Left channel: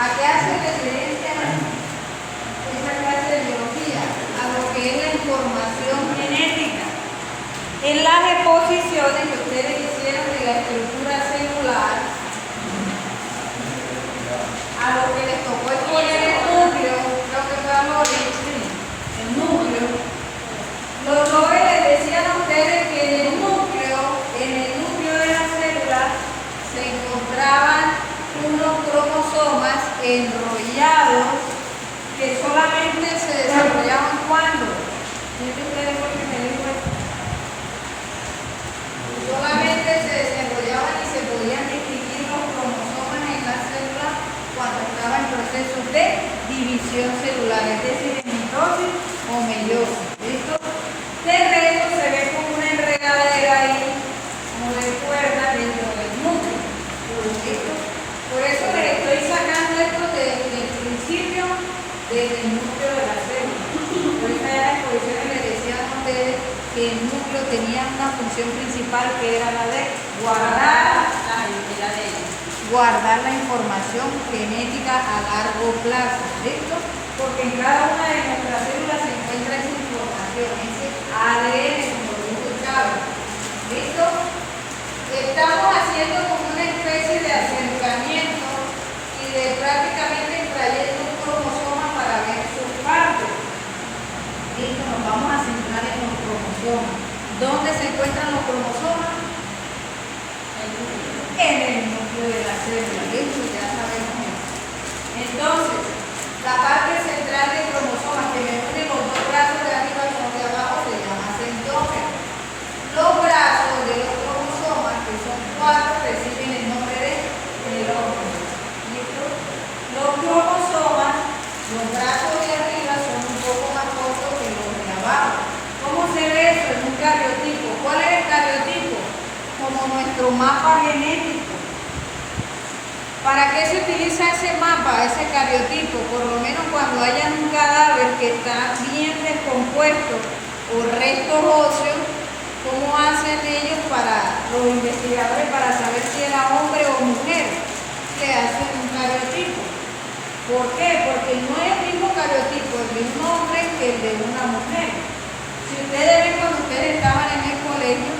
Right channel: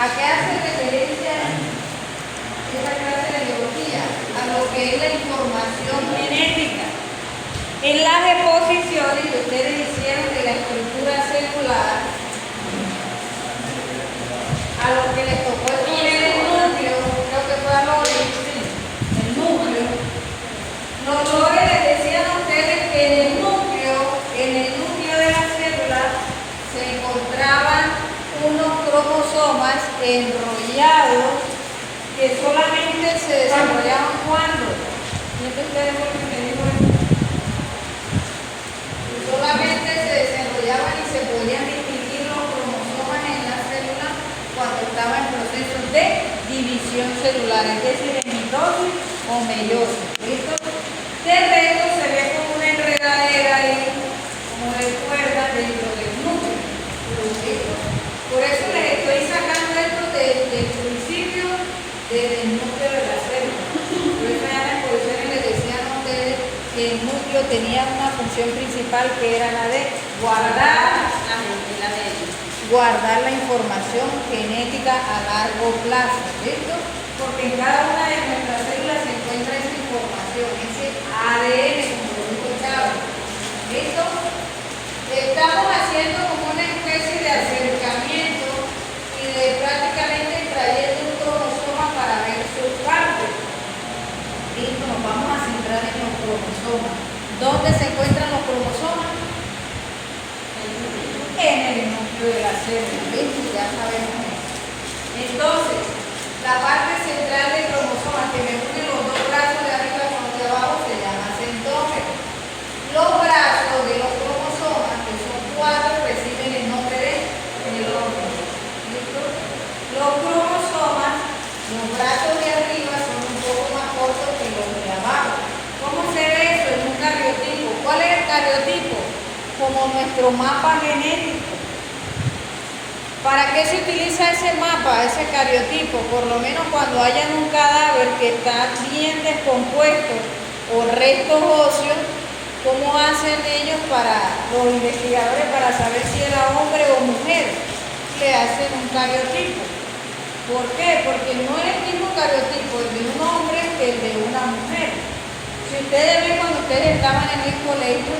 ¿A qué hace referencia esa clase de biología? A lo que es la información genética. En las exposiciones que ustedes hicieron de la estructura celular, a lo que les tocó exponer el núcleo, creo que fue a morir, el núcleo. Los doctores les decían a ustedes que en el núcleo de la célula se encontraban unos cromosomas enrollados que solamente se desarrollaban cuando. ¿Quién de ustedes fue que me dijo eso? Solamente se desarrollaban y se podían distinguir los cromosomas en la célula cuando estaba en procesos de división celular, es decir, en mitosis o meiosis. ¿Listo? De resto se ve como una enredadera ahí, como de cuerda dentro del núcleo. ¿Listo? Por eso les estoy sacando esto desde el principio, desde el núcleo de la célula. Por eso en las exposiciones les decían a ustedes que el núcleo tenía una función principal que era la de guardar la información genética a largo plazo. ¿Listo? Porque en cada una de nuestras células se encuentra esa información, ese ADN, como lo dijo Chávez. ¿Listo? Estamos haciendo como una especie de acercamiento y de prácticamente trayendo un cromosoma para ver sus partes. ¿Listo? Nos vamos a centrar en los cromosomas. ¿Dónde se encuentran los cromosomas? En el núcleo de la célula. ¿Listo? Ya sabemos eso. Entonces, la parte central del cromosoma que me une los dos brazos de arriba con los de abajo se llama centrómero. Los brazos de los cromosomas, que son 4, reciben el nombre de telómero. ¿Listo? Los cromosomas, los brazos de arriba son un poco más cortos que los de abajo. ¿Cómo se ve eso en un cariotipo? ¿Cuál es el cariotipo? Como nuestro mapa genético. ¿Para qué se utiliza ese mapa, ese cariotipo? Por lo menos cuando haya un cadáver que está bien descompuesto o restos óseos, ¿cómo hacen ellos los investigadores para saber si era hombre o mujer? Que hacen un cariotipo. ¿Por qué? Porque no es el mismo cariotipo el de un hombre que el de una mujer. Si ustedes ven cuando ustedes estaban en el colegio,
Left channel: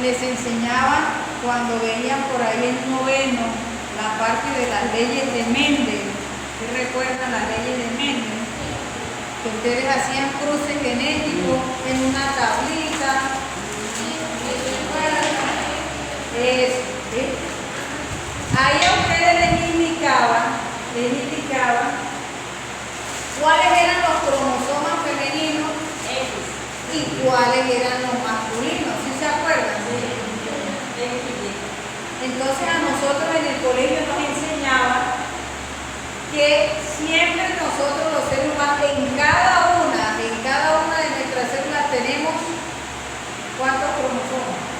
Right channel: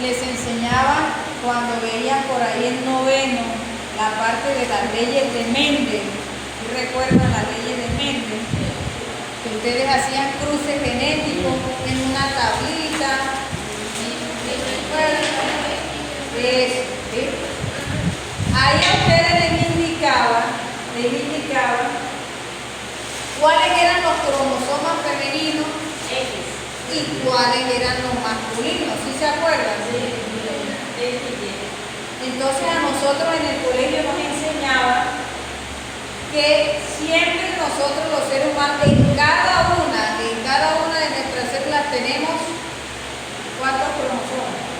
les enseñaban cuando veían por ahí el noveno, la parte de las leyes de Mendel. ¿Sí recuerdan las leyes de Mendel? Que ustedes hacían cruces genéticos en una tablita. Ahí a ustedes les indicaba cuáles eran los cromosomas femeninos y cuáles eran los masculinos. ¿Sí se acuerdan? Entonces a nosotros en el colegio nos enseñaba que siempre nosotros los seres humanos, en cada una de nuestras células tenemos ¿cuántos cromosomas?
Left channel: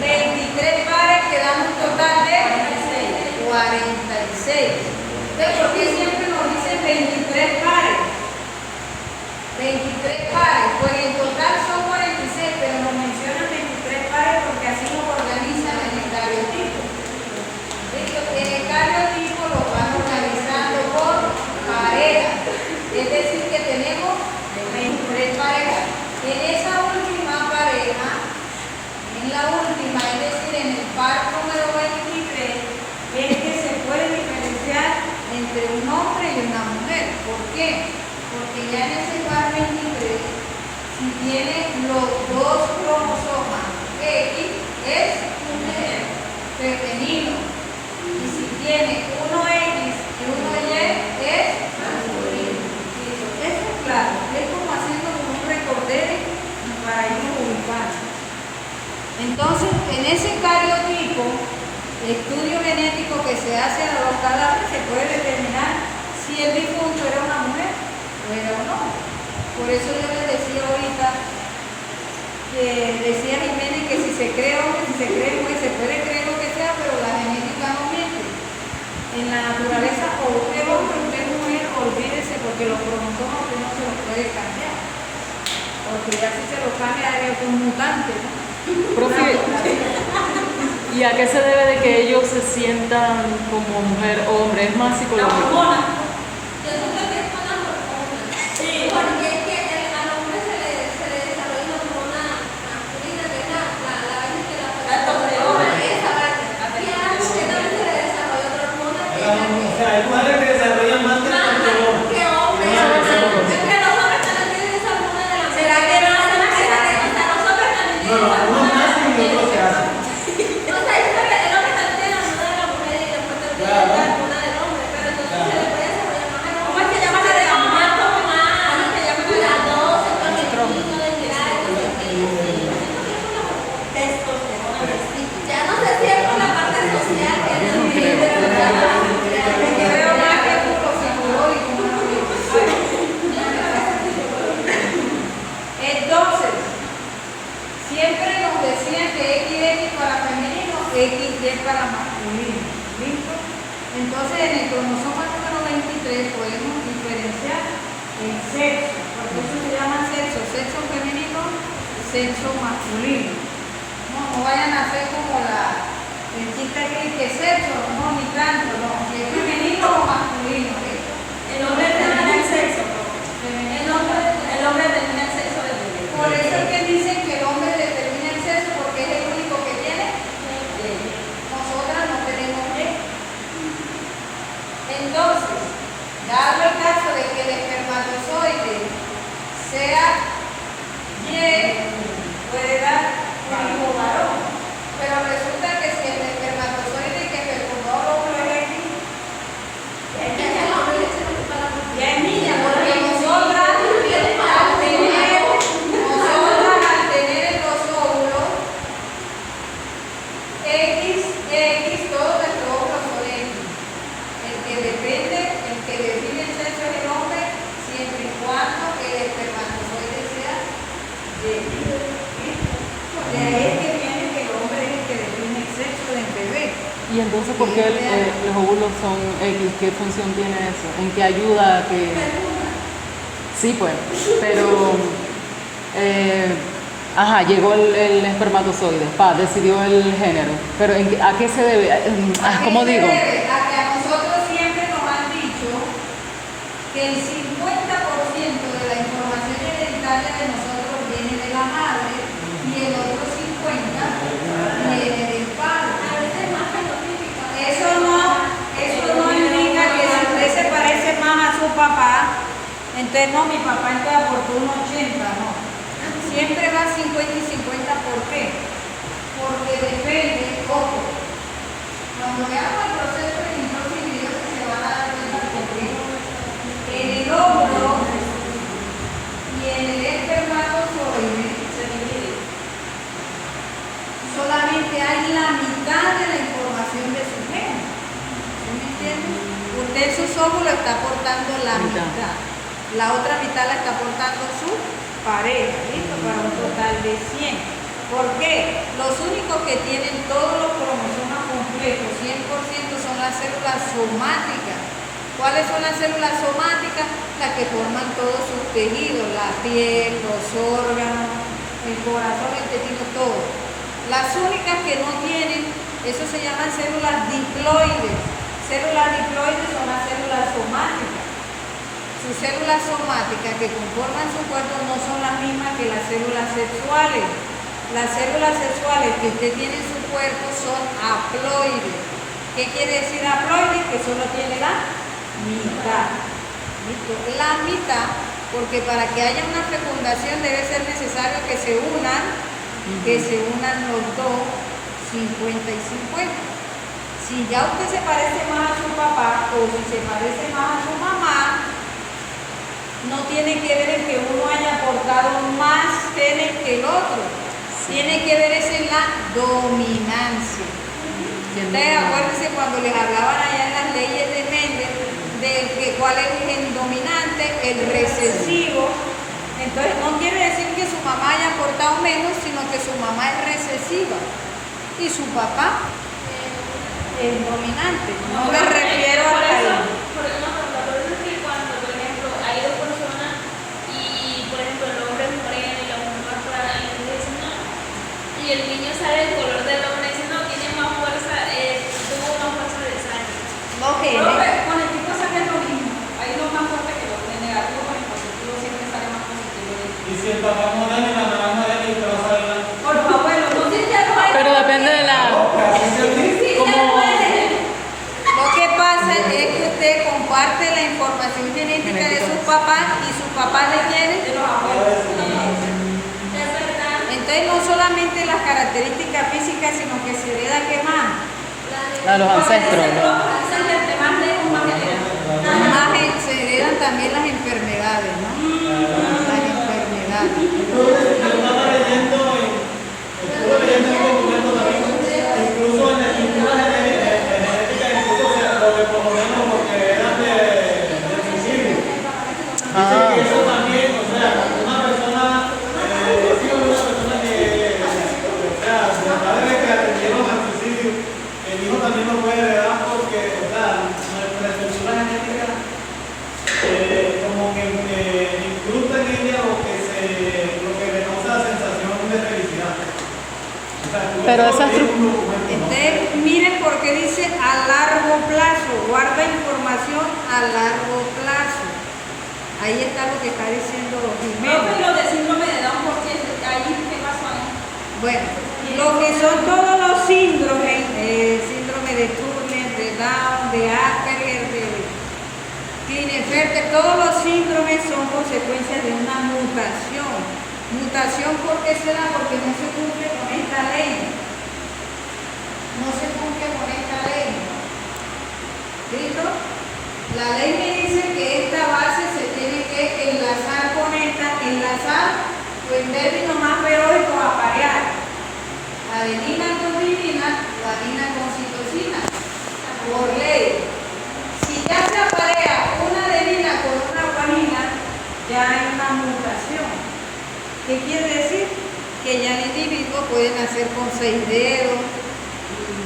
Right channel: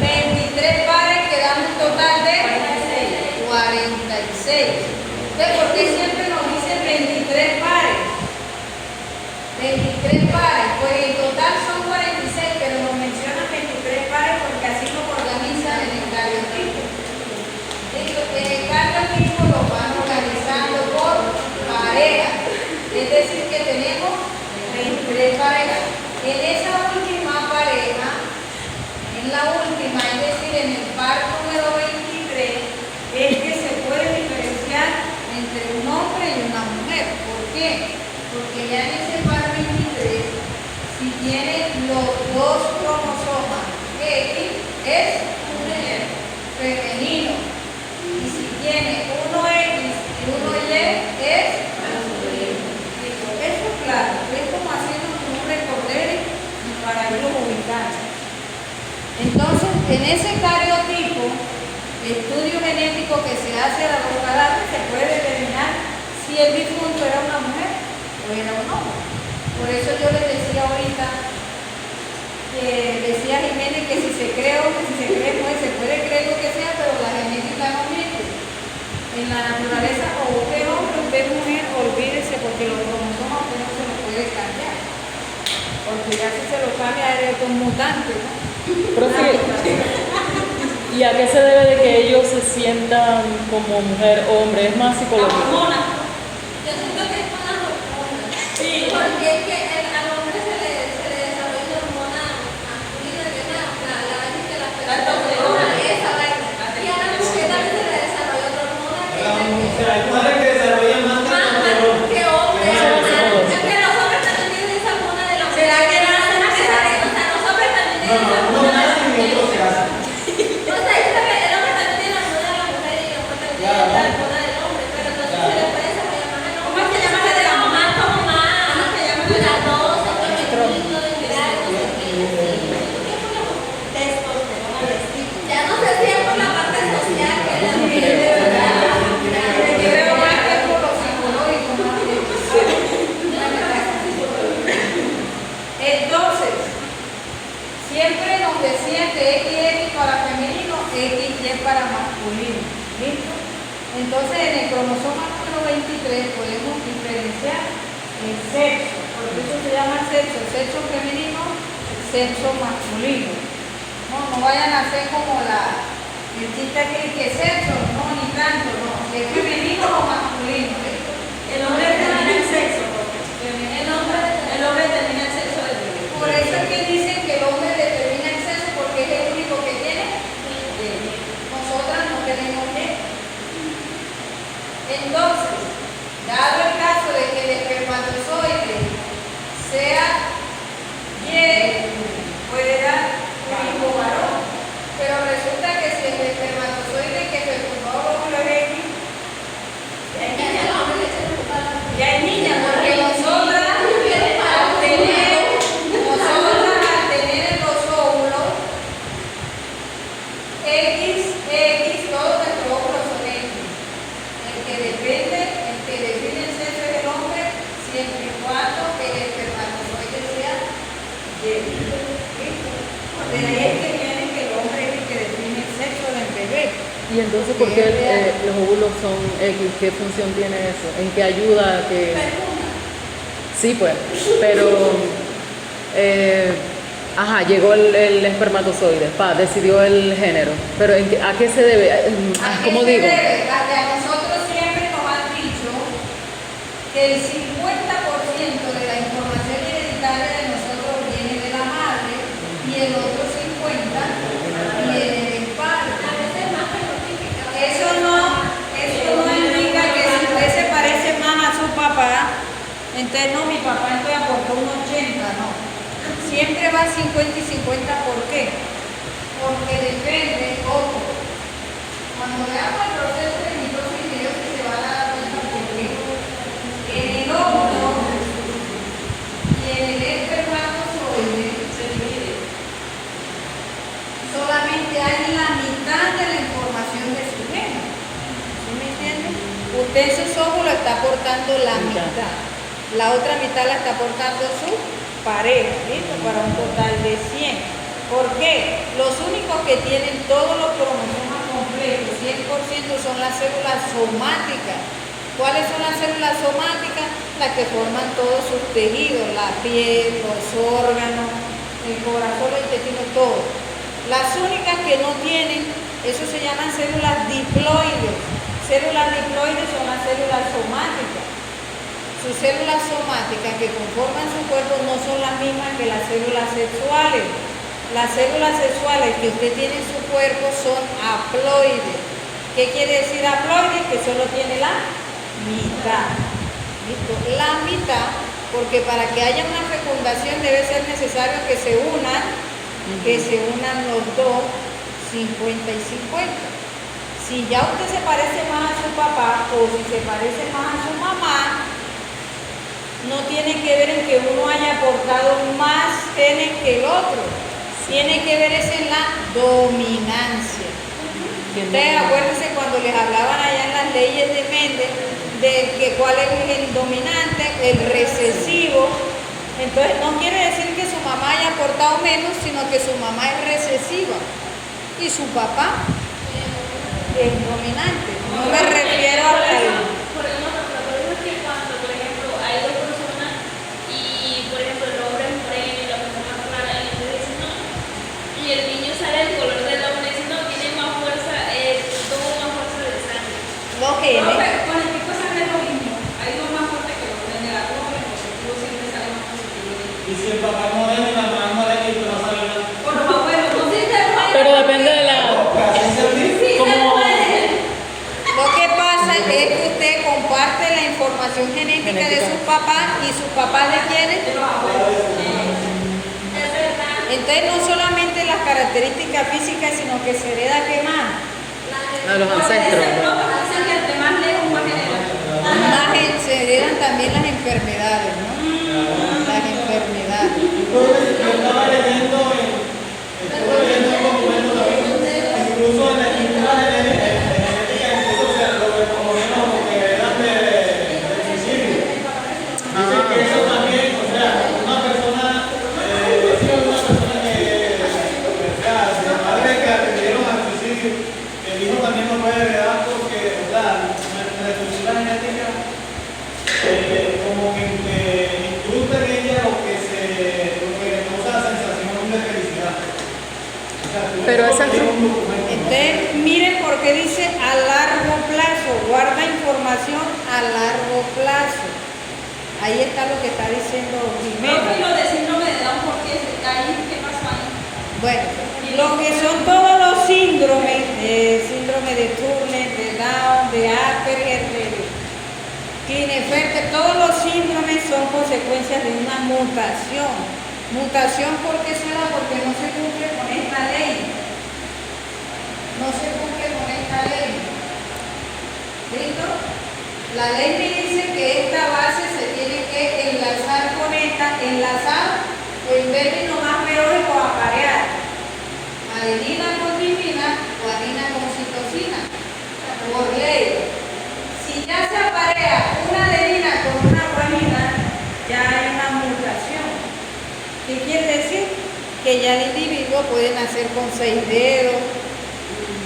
23 pares que dan un total de 46. Entonces, ¿por qué siempre nos dicen 23 pares? 23 pares, pues en total son 46, pero nos mencionan 23 pares porque así nos organizan en el cariotipo. En el cariotipo los van organizando por parejas, es decir que tenemos 23 parejas. En esa última pareja, en la última, es decir, en el par número 23, es que se puede diferenciar entre un hombre y una mujer. ¿Por qué? Porque ya en ese par 23, si tiene los dos cromosomas X, es femenino. Y si tiene uno X y uno Y, es masculino. Eso es claro, es como haciendo un recorder para irlo ubicando. Entonces, en ese cariotipo, el estudio genético que se hace a los cadáveres, se puede determinar si el difunto era una mujer o era un hombre. Por eso yo les decía ahorita, decía Jiménez que si se cree hombre, si se cree mujer, se puede creer lo que sea, pero la genética no miente. En la naturaleza, o usted es hombre o usted es mujer, olvídese, porque los cromosomas usted no se los puede cambiar. Porque ya si se lo cambia es un mutante, ¿no? Profe, y ¿Y a qué se debe de que ellos se sientan como mujer o hombre? Es más La psicológico. hormona. Yo siento que es con las hormonas. Sí. Porque es que al hombre se le desarrolla una hormona masculina, que es la vaina que la testosterona, esa vaina. Y a la mujer también se le desarrolla otra hormona que es la que... O sea, hay mujeres que desarrollan más Más que hombres. Es que los hombres también tienen esa hormona de la mujer. ¿Será que no hacen o sea, los hombres también No, tienen no, esa unos hormona de la nacen y otros se mujer. hacen. O sea, es que el hombre también tiene la hormona de la mujer y después también tiene la hormona del hombre, pero entonces se le puede desarrollar más al hombre. ¿Cómo es que llama la de la mujer? Como más, que llama las dos, el femenino, de mirar, no sé qué. Testosterona y así. Ya no sé si es por la parte social que es la que de verdad. Yo veo más que por lo psicológico, más que entonces, siempre nos decían que XX para femenino, XY para masculino. ¿Listo? Entonces, en el cromosoma número 23 podemos diferenciar el sexo, porque eso se llama sexo, sexo femenino, sexo masculino. No vayan a hacer como el chiste que sexo, no, ni tanto, no. Si es femenino o masculino. ¿Listo? El hombre determina el sexo. El hombre determina el sexo del bebé. Por eso es que dicen que el hombre determina el sexo porque es el único que tiene. Nosotras no tenemos Y. Entonces, dado el caso de que el espermatozoide sea Y, puede dar un hijo varón. Pero resulta que si el espermatozoide que fecundó el óvulo es X, ya es niña, porque nosotras al tener en los óvulos X, todos nuestros óvulos son X. El que define el sexo es el hombre, siempre y cuando el espermatozoide sea Y. De ahí es que viene que el hombre es el que define el sexo del bebé. ¿Y entonces por qué los óvulos son X? ¿Qué función tiene eso? ¿En qué ayuda a que...? Sí, pues, pero... llegó el espermatozoide, decidió el género. Pero ¿a qué se debe? ¿Cómo digo? A que a nosotros siempre nos han dicho que el 50% de la información hereditaria de nosotros viene de la madre y el otro 50% viene del padre. Eso no indica que si usted se parece más a su papá, entonces no, mi papá entonces aportó un 80, no. Siempre va 50 y 50, ¿por qué? Porque depende, ojo, cuando veamos el proceso de mitosis y meiosis se van a dar cuenta porque en el óvulo y en el espermatozoide se divide. Solamente hay la mitad de la información de su género. ¿Sí me entienden? Usted en sus óvulos está aportando la mitad. La otra mitad la está aportando su pareja, ¿listo? Para un total de 100. ¿Por qué? Los únicos que tienen todos los cromosomas completos, 100%, son las células somáticas. ¿Cuáles son las células somáticas? Las que forman todos sus tejidos, la piel, los órganos, el corazón, el intestino, todo. Las únicas que no tienen, eso se llaman células diploides. Células diploides son las células somáticas. Sus células somáticas que conforman su cuerpo no son las mismas que las células sexuales. Las células sexuales que usted tiene en su cuerpo son haploides. ¿Qué quiere decir haploides? Que solo tiene la mitad. ¿Listo? La mitad, porque para que haya una fecundación debe ser necesario que se unan los dos, 50 y 50. Si ya usted se parece más a su papá o si se parece más a su mamá, no tiene que ver en que uno haya aportado más genes que el otro. Tiene que ver es en la dominancia. Ustedes acuérdense cuando les hablaban allá en las leyes de Mendel de que cuál es el gen dominante, el recesivo. Entonces no quiere decir que su mamá haya aportado menos, sino que su mamá es recesiva y su papá es dominante. No me refiero a eso. Y el niño sale el color del hombre y dice, no, tiene más el papá moreno y la mamá morena y pero no sabe nada. Por los abuelos, no sé si se puede. Pero depende de la... Así se dice. Sí se como- puede. Lo que pasa es que usted comparte la información genética de sus papás y sus papás le tienen de los abuelos. Es verdad. Entonces no solamente las características físicas, sino que se hereda que más. A los ancestros. Dicen que entre más lejos, más hereda. Además se heredan también las enfermedades, ¿no? Las enfermedades. Entonces, yo estaba leyendo, estuve leyendo un documento también, incluso en la estructura genética, incluso o sea, lo que por lo menos lo que eran de suicidio. Dicen que eso también, o sea, una persona, sigo de una persona que, o sea, de padres que atendieron al suicidio, el hijo también no puede heredar porque, o sea, la estructura genética, como que incrusta en ella lo que le causa la sensación de felicidad. O sea, Pero eso esa- tiene un documento, ¿no? Entonces, miren por qué dice a largo plazo, guarda información a largo plazo. Ahí está lo que está diciendo Jiménez. Lo de síndrome de Down, porque ahí, ¿qué pasó ahí? Bueno, lo que son todos los síndromes, síndrome de Turner, de Down, de Asperger, de Klinefelter, todos los síndromes son consecuencias de una mutación. Mutación, ¿por qué se da? Porque no se cumple con esta ley. No se cumple con esta ley. ¿Listo? La ley me dice que esta base se tiene que enlazar con esta, enlazar, o en términos más biológicos, aparear. Adenina con timina, guanina con citosina. Por ley. Si ya se aparea una adenina con una guanina, ya hay una mutación. ¿Qué quiere decir? Que ya el individuo puede nacer con 6 dedos.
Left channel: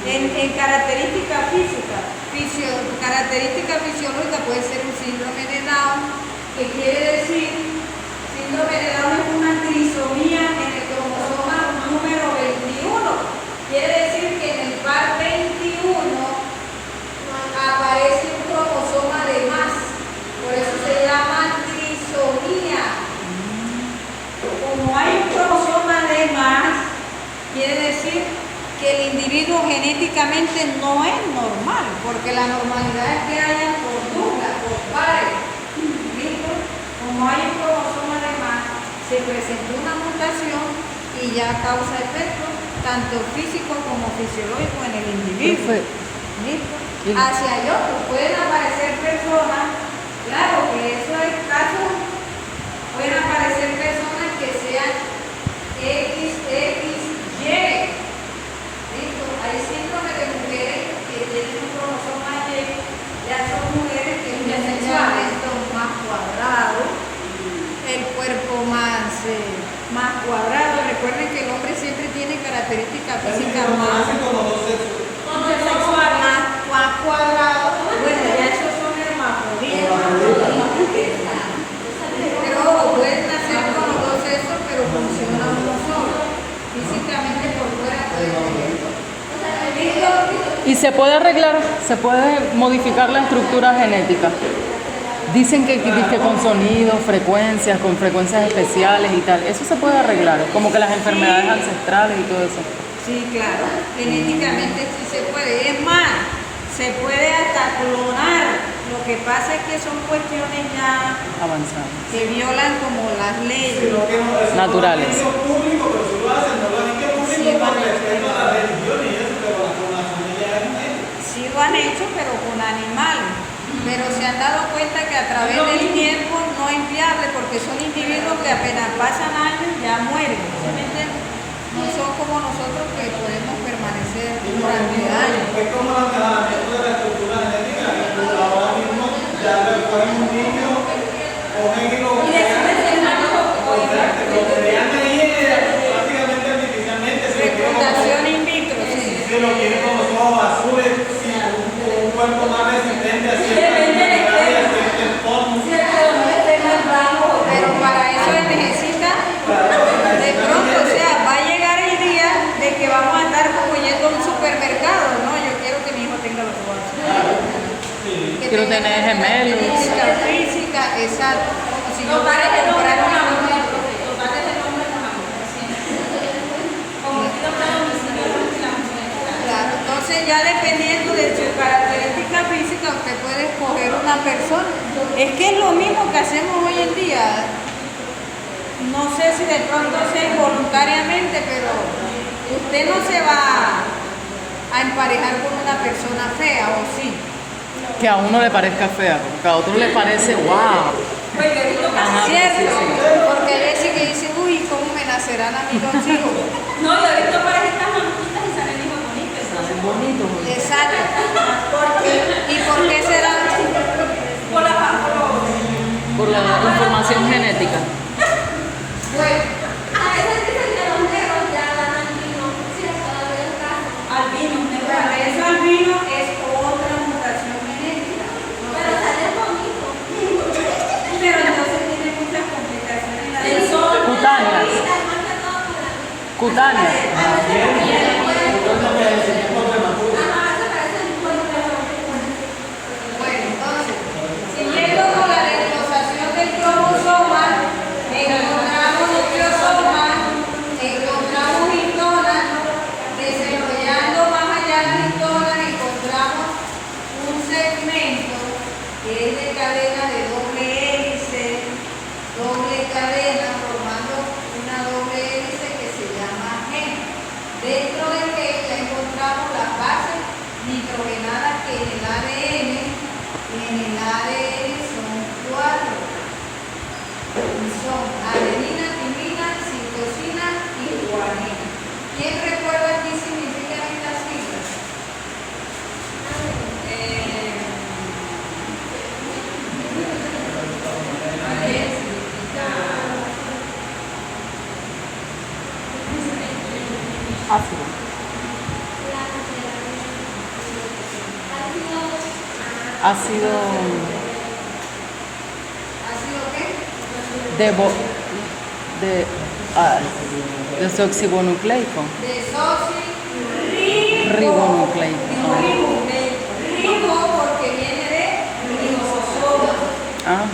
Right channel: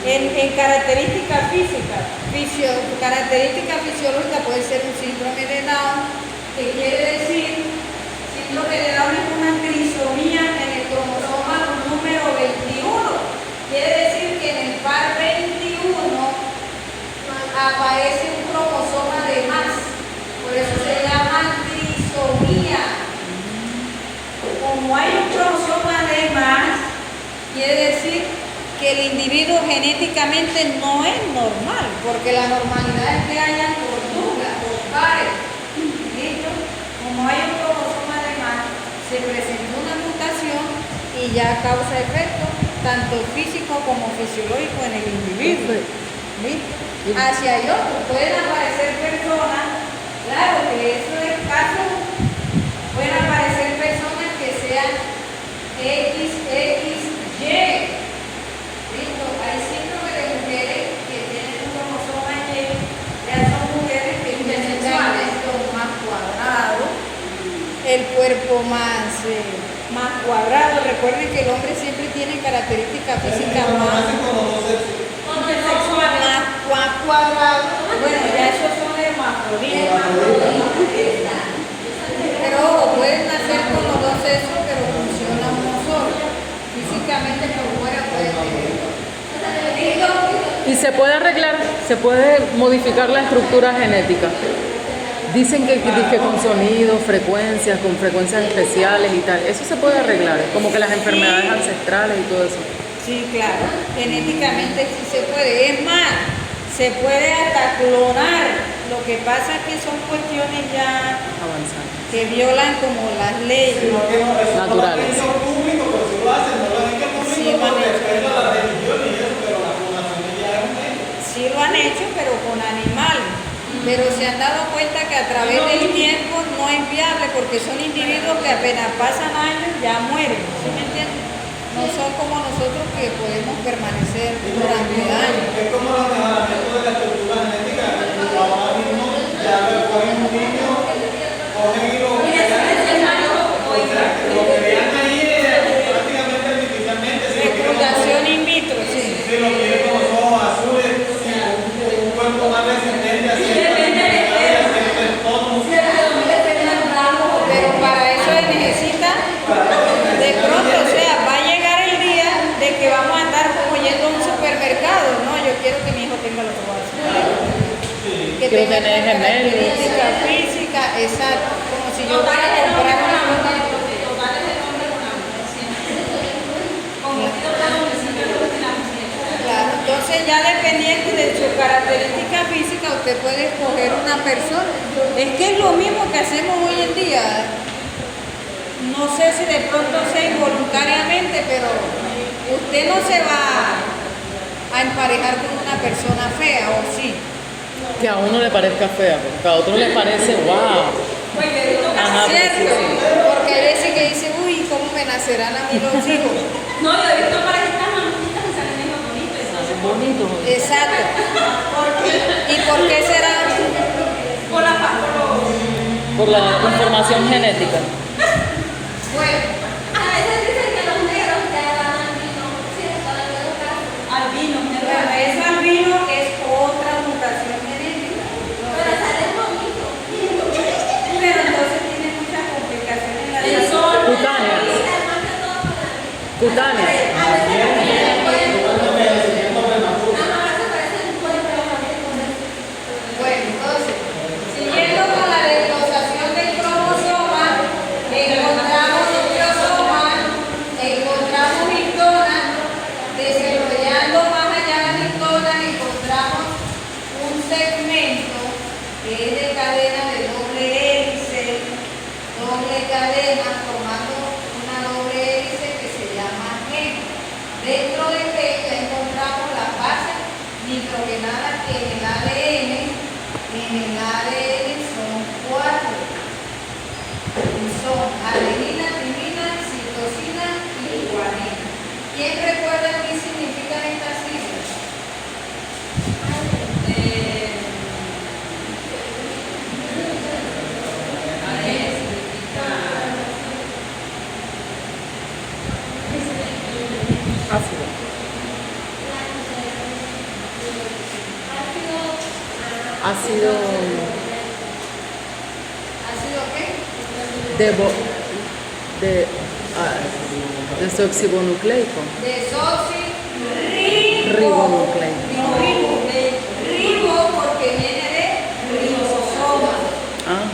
En características físicas, característica fisiológica puede ser un síndrome de Down, que quiere decir, síndrome de Down es una trisomía en el cromosoma número 21. Quiere decir que en el par 21 aparece un cromosoma de más. Por eso se llama trisomía. Como hay un cromosoma de más, quiere decir que el individuo genéticamente no es normal, porque la normalidad es que hayan por duplas, por pares. ¿Listo? Como hay un cromosoma de más, se presenta una mutación y ya causa efectos tanto físico como fisiológico en el individuo. ¿Listo? Hacia allá pueden aparecer personas, claro que eso es caso, pueden aparecer personas que sean XXY. ¿Listo? Hay síndrome de mujeres que tienen un cromosoma Y, ya son mujeres que tienen esto más cuadrado, el cuerpo más cuadrado. Recuerden que el hombre siempre tiene características físicas más cuadrado. Bueno, ya esos son hermafroditas. Pero ojo, pueden nacer con los dos sexos, pero funciona uno solo. Físicamente por fuera puede tener. Y se puede arreglar, se puede modificar la estructura genética. Dicen que con sonidos, frecuencias, con frecuencias especiales y tal. Eso se puede arreglar, como que las enfermedades ancestrales y todo eso. Sí, claro. Genéticamente sí se puede. Es más, se puede hasta clonar. Lo que pasa es que son cuestiones ya Avanzado. que violan como las leyes. Naturales. No lo público, pero si lo hacen, no lo han hecho público por respeto a la religión y eso, pero la población ya es un hecho. Sí lo han hecho, pero con animales. Pero se han dado cuenta que a través del tiempo no es viable porque son individuos que apenas pasan años ya mueren. ¿Sí me entiendes? No son como nosotros que podemos permanecer durante años. Es como el mejoramiento de la estructura genética. Ahora mismo ya le cogen un niño, cogen y lo crean ahí prácticamente artificialmente. Reclutación in vitro, sí. Si lo quieren con los ojos azules, si un cuerpo más resistente así. Pero para eso se necesita de pronto, o sea, va a llegar el día de que vamos a andar como yendo a un supermercado, ¿no? Yo quiero que mi hijo tenga los ojos azules. Que Quiero tenga tener una gemelos. característica física, exacto. Como si yo fuera a comprar una Entonces ya dependiendo de su característica física, usted puede escoger una persona. Es que es lo mismo que hacemos hoy en día. No sé si de pronto sea involuntariamente, pero usted no se va a emparejar con una persona fea, ¿o sí? Que a uno le parezca fea, porque a otro le parece wow. Pues yo he visto Ajá, casi Cierto, sí, porque hay veces que dice, uy, ¿cómo me nacerán a mí los hijos? No, yo he visto parejas mamutitas y salen hijos bonitos. Entonces, Bonito. Exacto. ¿Y por qué será? por la Por la información genética. Bueno, A veces dicen que los negros ya dan albino, si les puedo ver un caso. albino, bueno, eso albino es otra mutación genética. Pero sale bonito. Pero entonces tiene muchas complicaciones en la el salud. sol. Cutánea. Cutánea. Bueno, entonces, siguiendo con la desglosación del cromosoma, encontramos nucleosoma, encontramos histonas, desarrollando más allá las histonas, encontramos un segmento que es de cadena de doble hélice, doble cadena, formando una doble hélice que se llama gen. Dentro de gen ya encontramos las bases nitrogenadas que en el ADN son 4. Y son adenina, timina, citosina y guanina. ¿Quién recuerda qué significan estas siglas? Ácido. Ácido ¿Ácido qué? desoxibonucleico. Desoxirribonucleico. Ribo porque viene de ribosoma. Ajá.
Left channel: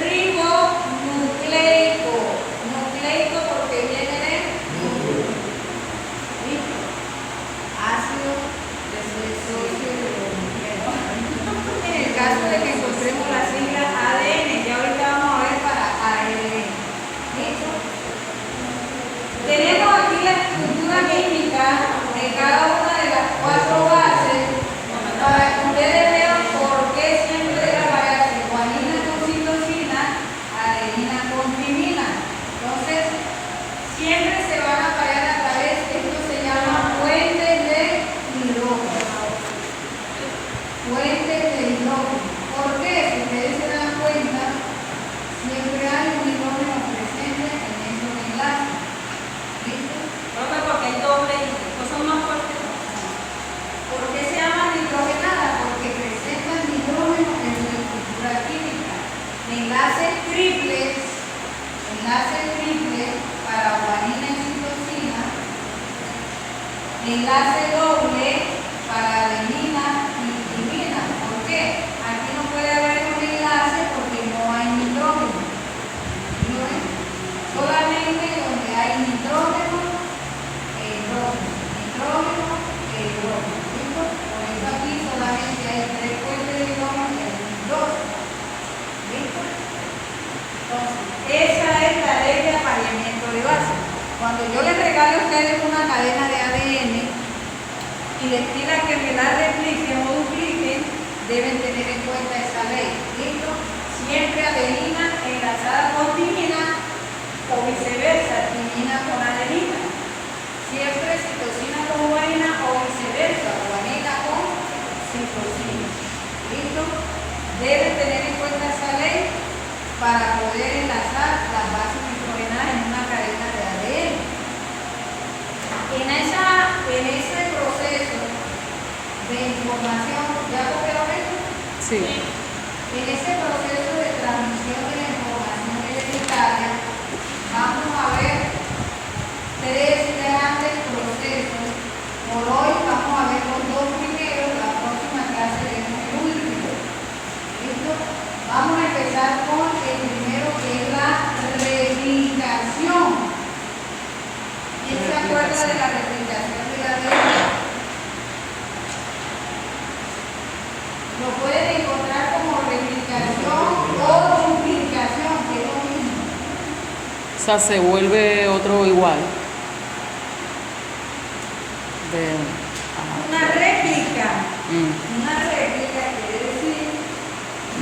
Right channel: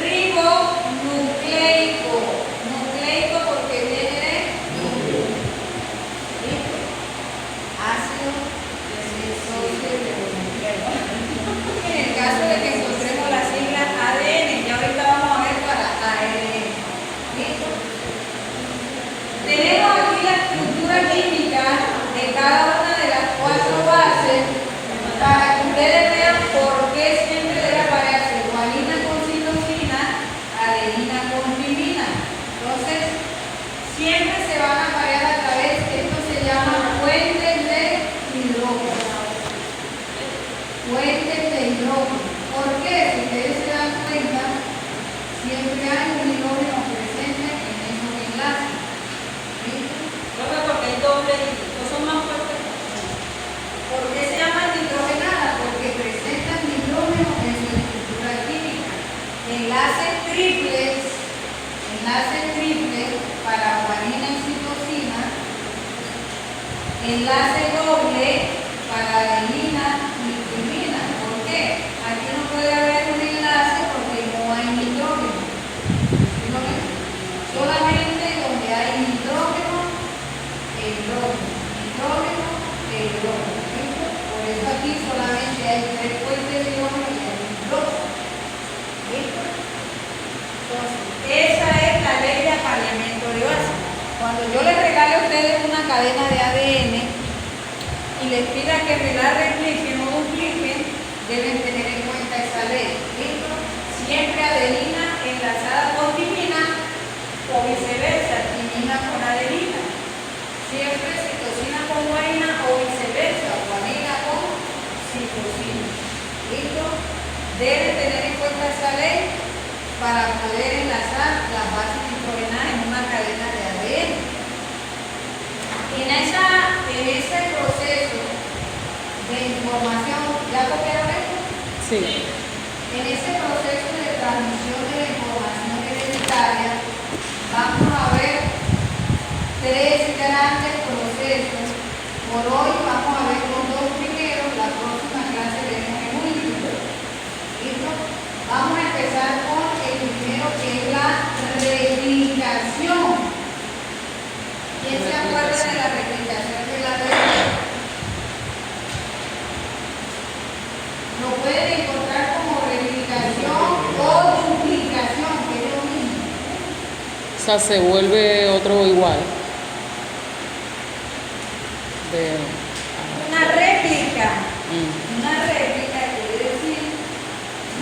Ribonucleico. Nucleico porque viene de núcleo. ¿Listo? Ácido desoxirribonucleico. En el caso de que encontremos las siglas ADN, ya ahorita vamos a ver para ARN. ¿Listo? Tenemos aquí la estructura química de cada una de las 4 bases para que ustedes vean por qué siempre debe aparecer guanina con citosina, adenina con timina. Entonces, siempre se van a aparear a través, esto se llama puentes de hidrógeno. Puentes de hidrógeno. ¿Por qué? Si ustedes se dan cuenta, siempre hay un hidrógeno presente en esos enlaces. ¿Listo? Profe, porque el doble y son más fuertes. ¿Por qué se llaman nitrogenadas? Porque presentan nitrógeno en su estructura química. Enlaces triples para guanina y citosina. Enlace doble para adenina y timina. ¿Por qué? Aquí no puede haber un enlace porque no hay nitrógeno. ¿Sí lo ven? Solamente donde hay nitrógeno, hidrógeno, hidrógeno. ¿Listo? Por eso aquí solamente hay 3 puentes de hidrógeno y hay 2. ¿Listo? Entonces, esa es la ley de apareamiento de base. Cuando yo les regalo a ustedes una cadena de ADN y les pida que me la repliquen o dupliquen, deben tener en cuenta esa ley. ¿Listo? Siempre adenina enlazada con timina o viceversa, timina con adenina. Siempre citosina con guanina o viceversa, guanina con citosina. ¿Listo? Deben tener en cuenta esa ley para poder enlazar las bases nitrogenadas en una cadena de ADN. En ese proceso de información, ¿ya copiaron esto? Sí. En ese proceso de transmisión de la información hereditaria, vamos a ver 3 grandes procesos. Por hoy vamos a ver los 2 primeros, la próxima clase veremos el último. ¿Listo? Vamos a empezar con el primero, que es la replicación. ¿Quién se acuerda de la replicación de la ADN? O sea, se vuelve otro igual. Una réplica. Mm, Una réplica quiere decir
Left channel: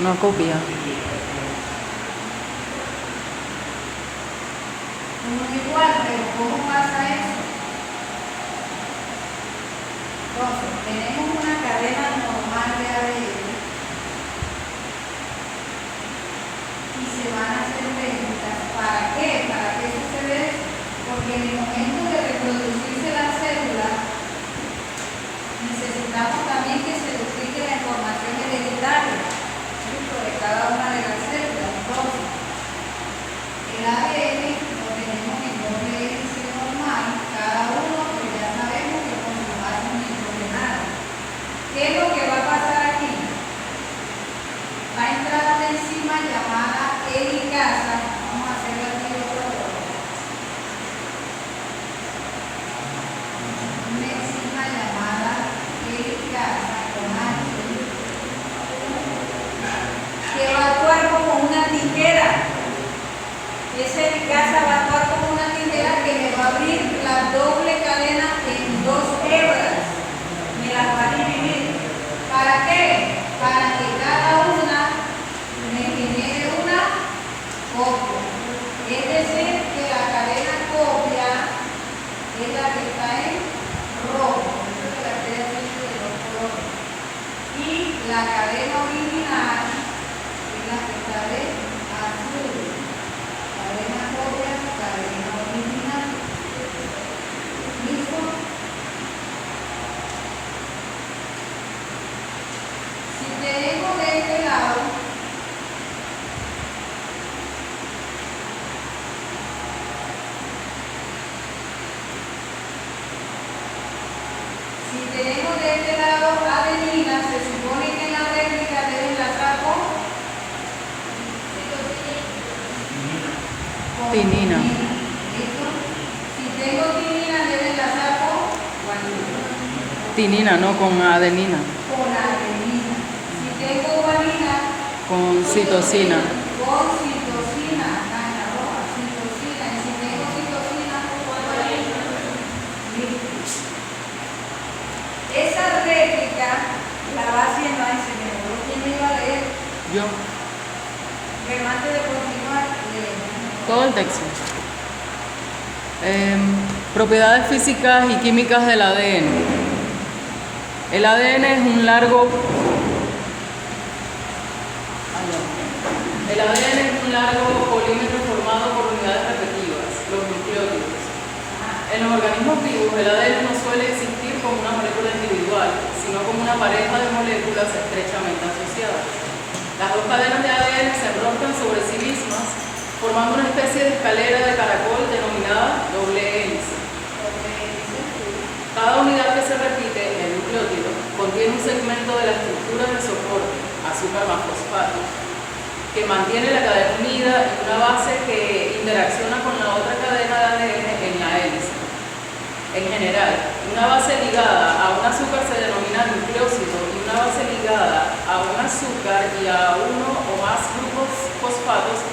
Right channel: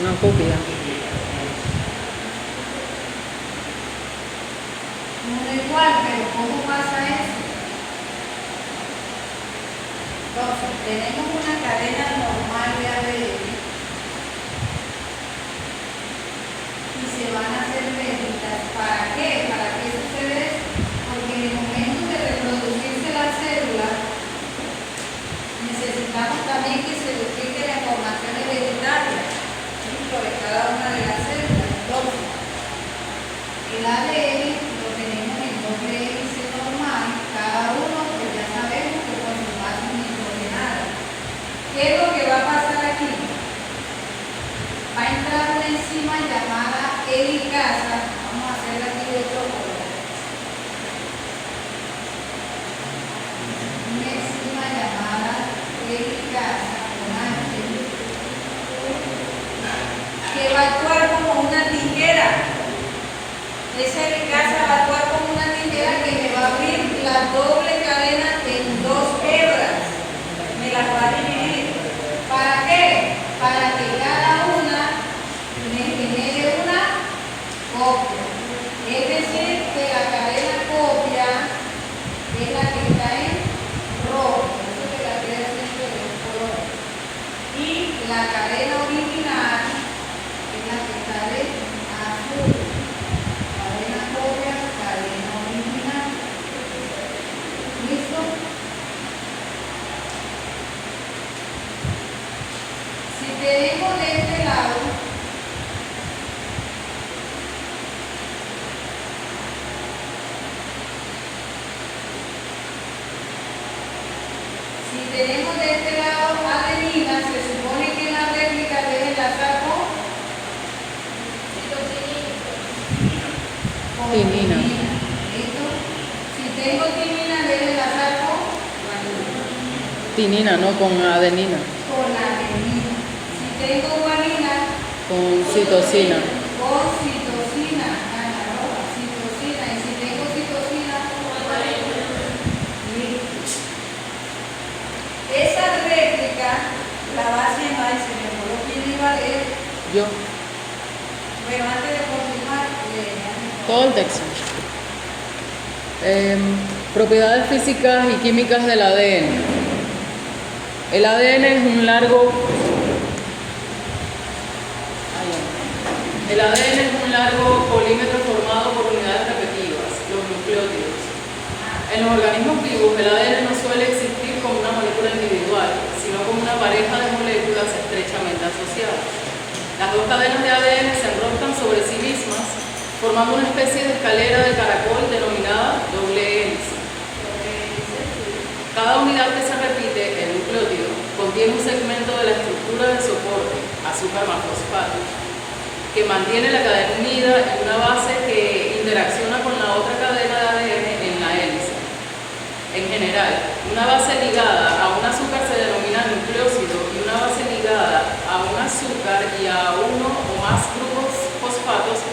una copia. uno igual, pero ¿cómo pasa eso? Entonces, tenemos una cadena normal de ADN y se van a hacer réplicas. ¿Para qué? ¿Para qué sucede eso? Porque en el momento de reproducirse la célula, necesitamos también que se duplique la información hereditaria, ¿sí? Sobre cada una de las células. Entonces, el ADN lo tenemos en doble hélice normal, cada uno, pues ya sabemos que con su base nitrogenada. ¿Qué es lo que va a pasar aquí? Va a entrar una enzima llamada helicasa. Vamos a hacer aquí otro color. Una enzima llamada helicasa con H, que va a actuar como una tijera. Esa helicasa va a actuar como una tijera que me va a abrir la doble cadena en dos hebras. Me las va a dividir. ¿Para qué? Para que cada una me genere una copia. Es decir, que la cadena copia es la que está en rojo. Esto es la que estoy haciendo de los colores. Y la cadena original es la que está de azul. Cadena copia, cadena original. ¿Listo? Si tenemos de este lado, adenina, se supone que en la réplica debe enlazar con Tinina. ¿Listo? Si tengo tinina, debe enlazar con Tinina, no con adenina. adenina. Si tengo guanina, Con citosina. con citosina, gana roja, citosina. Y si tengo citosina, listo. Esa réplica la va haciendo, ay, se me olvidó quién iba a leer, Yo. pero antes de continuar, leemos. Todo el texto. Propiedades físicas y químicas del ADN. El ADN es un largo. El ADN es un largo polímero formado por unidades repetitivas, los nucleótidos. En los organismos vivos, el ADN no suele existir como una molécula individual, sino como una pareja de moléculas estrechamente asociadas. Las dos cadenas de ADN se enroscan sobre sí mismas, formando una especie de escalera de caracol denominada doble hélice. Cada unidad que se repite, el nucleótido, contiene un segmento de la estructura del soporte, azúcar más fosfato, que mantiene la cadena unida en una base que interacciona con la otra cadena de ADN en la hélice. En general, una base ligada a un azúcar se denomina nucleósido y una base ligada a un azúcar y a uno o más grupos fosfatos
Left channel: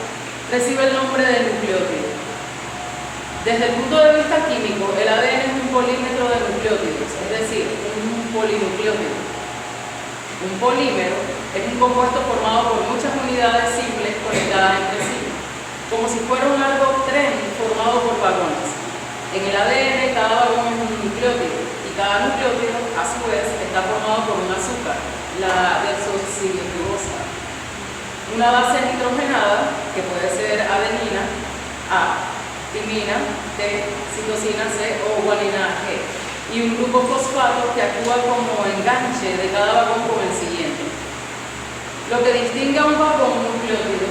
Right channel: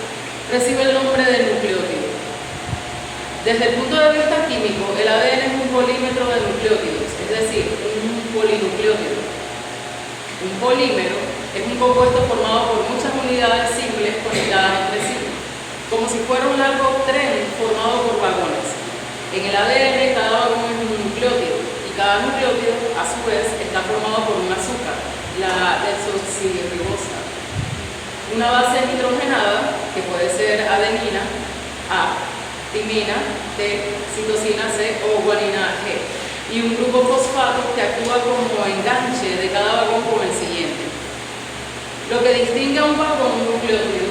recibe el nombre de nucleótido. Desde el punto de vista químico, el ADN es un polímero de nucleótidos, es decir, un polinucleótido. Un polímero es un compuesto formado por muchas unidades simples conectadas entre sí, como si fuera un largo tren formado por vagones. En el ADN cada vagón es un nucleótido y cada nucleótido a su vez está formado por un azúcar, la desoxirribosa. Una base nitrogenada, que puede ser adenina, A, timina, T, citosina C o guanina G, y un grupo fosfato que actúa como enganche de cada vagón con el siguiente. Lo que distingue a un vagón nucleótido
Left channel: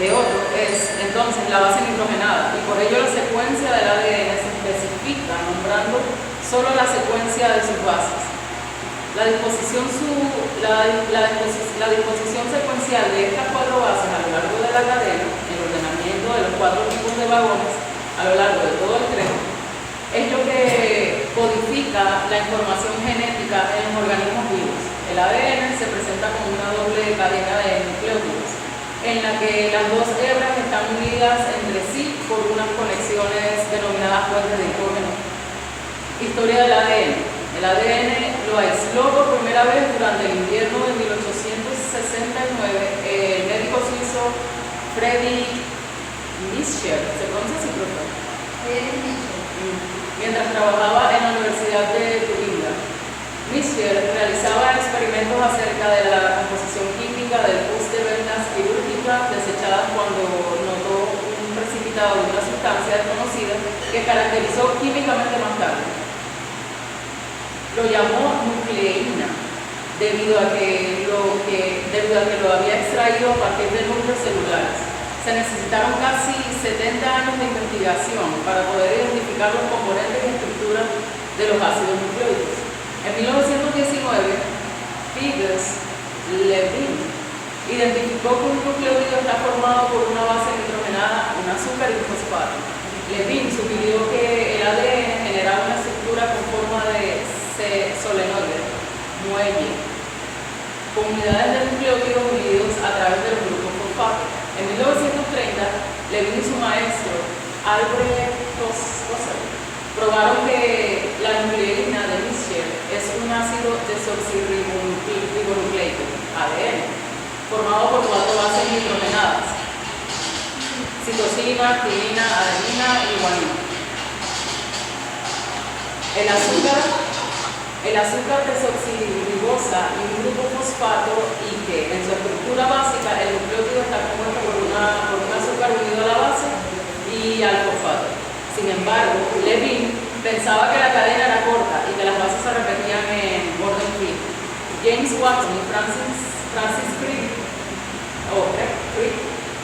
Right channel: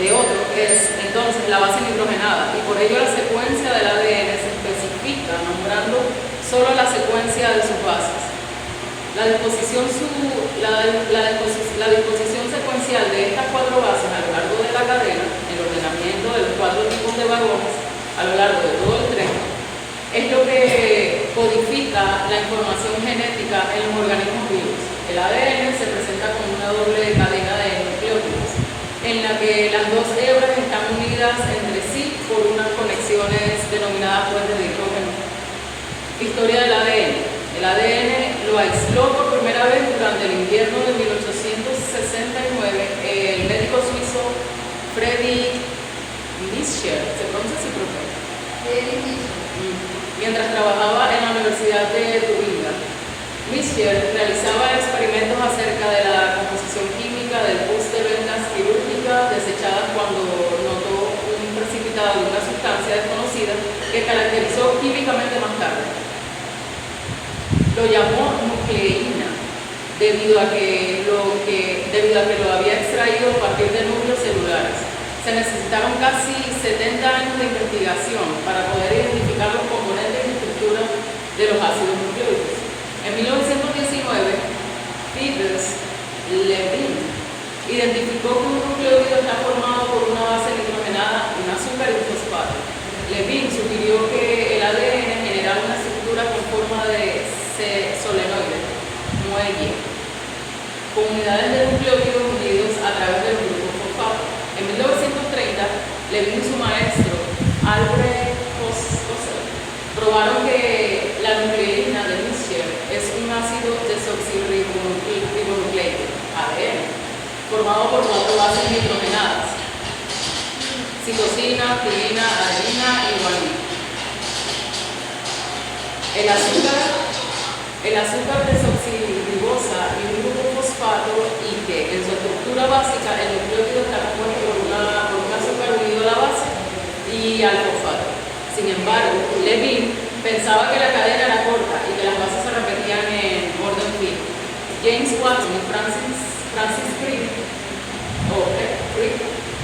de otro es entonces la base nitrogenada, y por ello la secuencia del ADN se especifica nombrando solo la secuencia de sus bases. La disposición secuencial de estas cuatro bases a lo largo de la cadena, el ordenamiento de los cuatro tipos de vagones a lo largo de todo el tren, es lo que codifica la información genética en los organismos vivos. El ADN se presenta como una doble cadena de nucleótidos, en la que las dos hebras están unidas unidas entre sí por unas conexiones denominadas puentes de hidrógeno. Historia del ADN. El ADN lo aisló por primera vez durante el invierno de 1869 el médico suizo Friedrich Miescher, ¿se pronuncia así, profe? Mientras trabajaba en la Universidad de Tubinga. Miescher realizaba experimentos acerca de la composición química del pus de venas quirúrgicas desechadas cuando notó un precipitado de una sustancia desconocida que caracterizó químicamente más tarde. Lo llamó nucleína, debido a que lo había extraído a partir de núcleos celulares. Se necesitaron casi 70 años de investigación para poder identificar los componentes y estructuras de los ácidos nucleóticos. En 1919, Levin identificó que un nucleótido está formado por una base nitrogenada, un azúcar y un fosfato. Levin sugirió que el ADN generaba una estructura con forma de solenoide, muelle, con unidades de nucleótidos unidos a través del grupo fosfato. En 1930, Levin y su maestro, Albert Hossel, probaron que la nucleína de Miescher es un ácido desoxirribonucleico, ADN, formado por 4 bases nitrogenadas: citosina, timina, adenina y guanina. El azúcar desoxirribosa y un grupo fosfato, y que en su estructura básica el nucleótido está compuesto por un azúcar unido a la base y al fosfato. Sin embargo, Levin pensaba que la cadena era corta y que las bases se repetían en orden fijo. James Watson y Francis Crick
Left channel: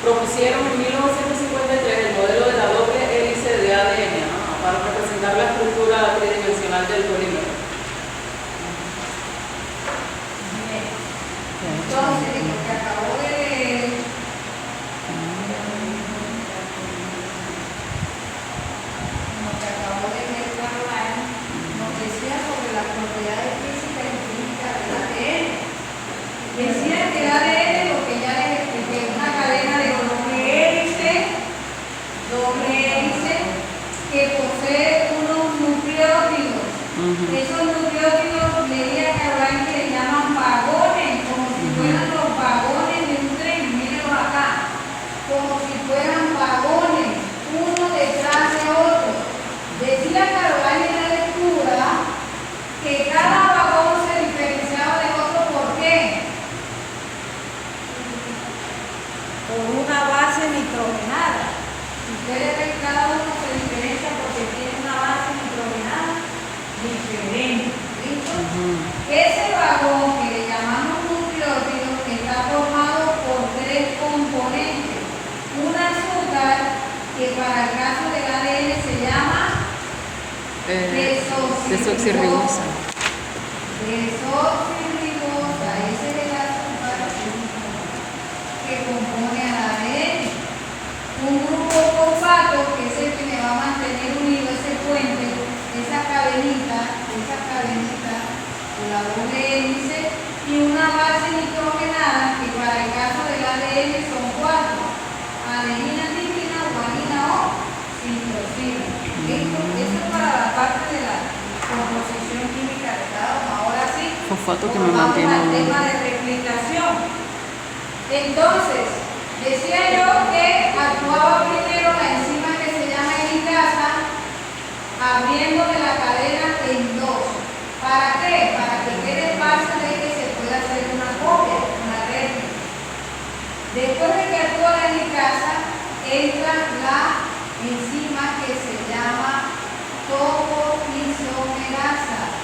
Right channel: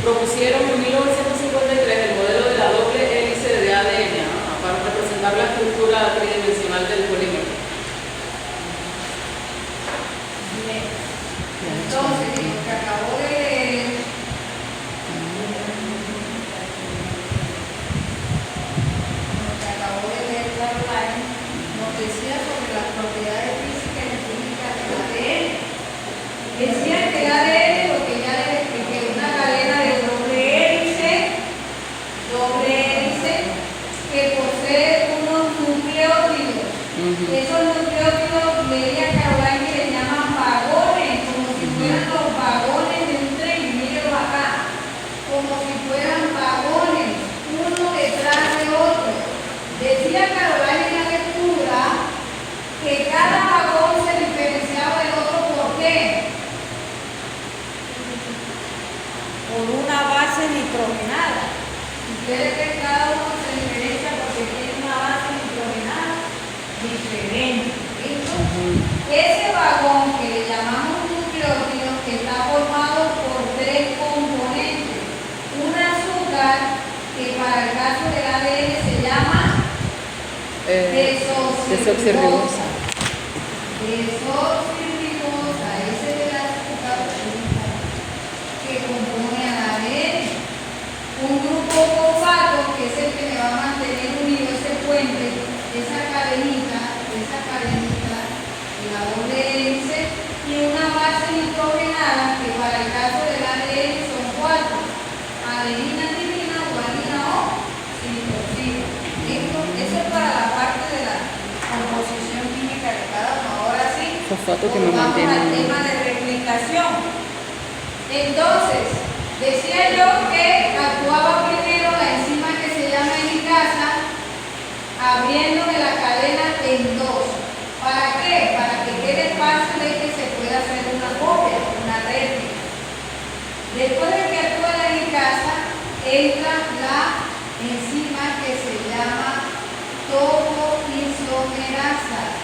propusieron en 1953 el modelo de la doble hélice de ADN para representar la estructura tridimensional del polímero. Entonces, lo que acabo de leer, Caroline, nos decía sobre las propiedades físicas y químicas del ADN. Decía que el ADN, lo que ya les expliqué, es una cadena de doble hélice que posee unos nucleótidos. Esos nucleótidos, leía Caroline, que le llaman vagones, como si fueran los vagones de un tren. Mírenlo acá, como si fueran vagones, uno detrás de otro. Decía Caroline en la lectura que cada vagón se diferenciaba del otro. ¿Por qué? Por una base nitrogenada. Ustedes ven que cada uno se diferencia porque tiene una base nitrogenada diferente. ¿Listo? Ese vagón que le llamamos nucleótido está formado por 3 componentes. Un azúcar que para el caso del ADN se llama desoxirribosa. Desoxirribosa, ese es el azúcar que compone al ADN. Un grupo fosfato, que es el que me va a mantener unido ese puente, esa cadenita, la doble hélice, y una base nitrogenada que para el caso del ADN son 4: adenina, timina, guanina o citosina. ¿Listo? Eso es para la parte de la composición química de cada uno. Ahora sí, Fosfato que me vamos mantiene al unido. tema de replicación. Entonces, decía yo que actuaba primero la enzima que se llama helicasa, abriéndome la cadena en 2. ¿Para qué? Para que quede fácil de que se pueda hacer una copia, una réplica. Después de que actúa la helicasa, entra la enzima que se llama topoisomerasa.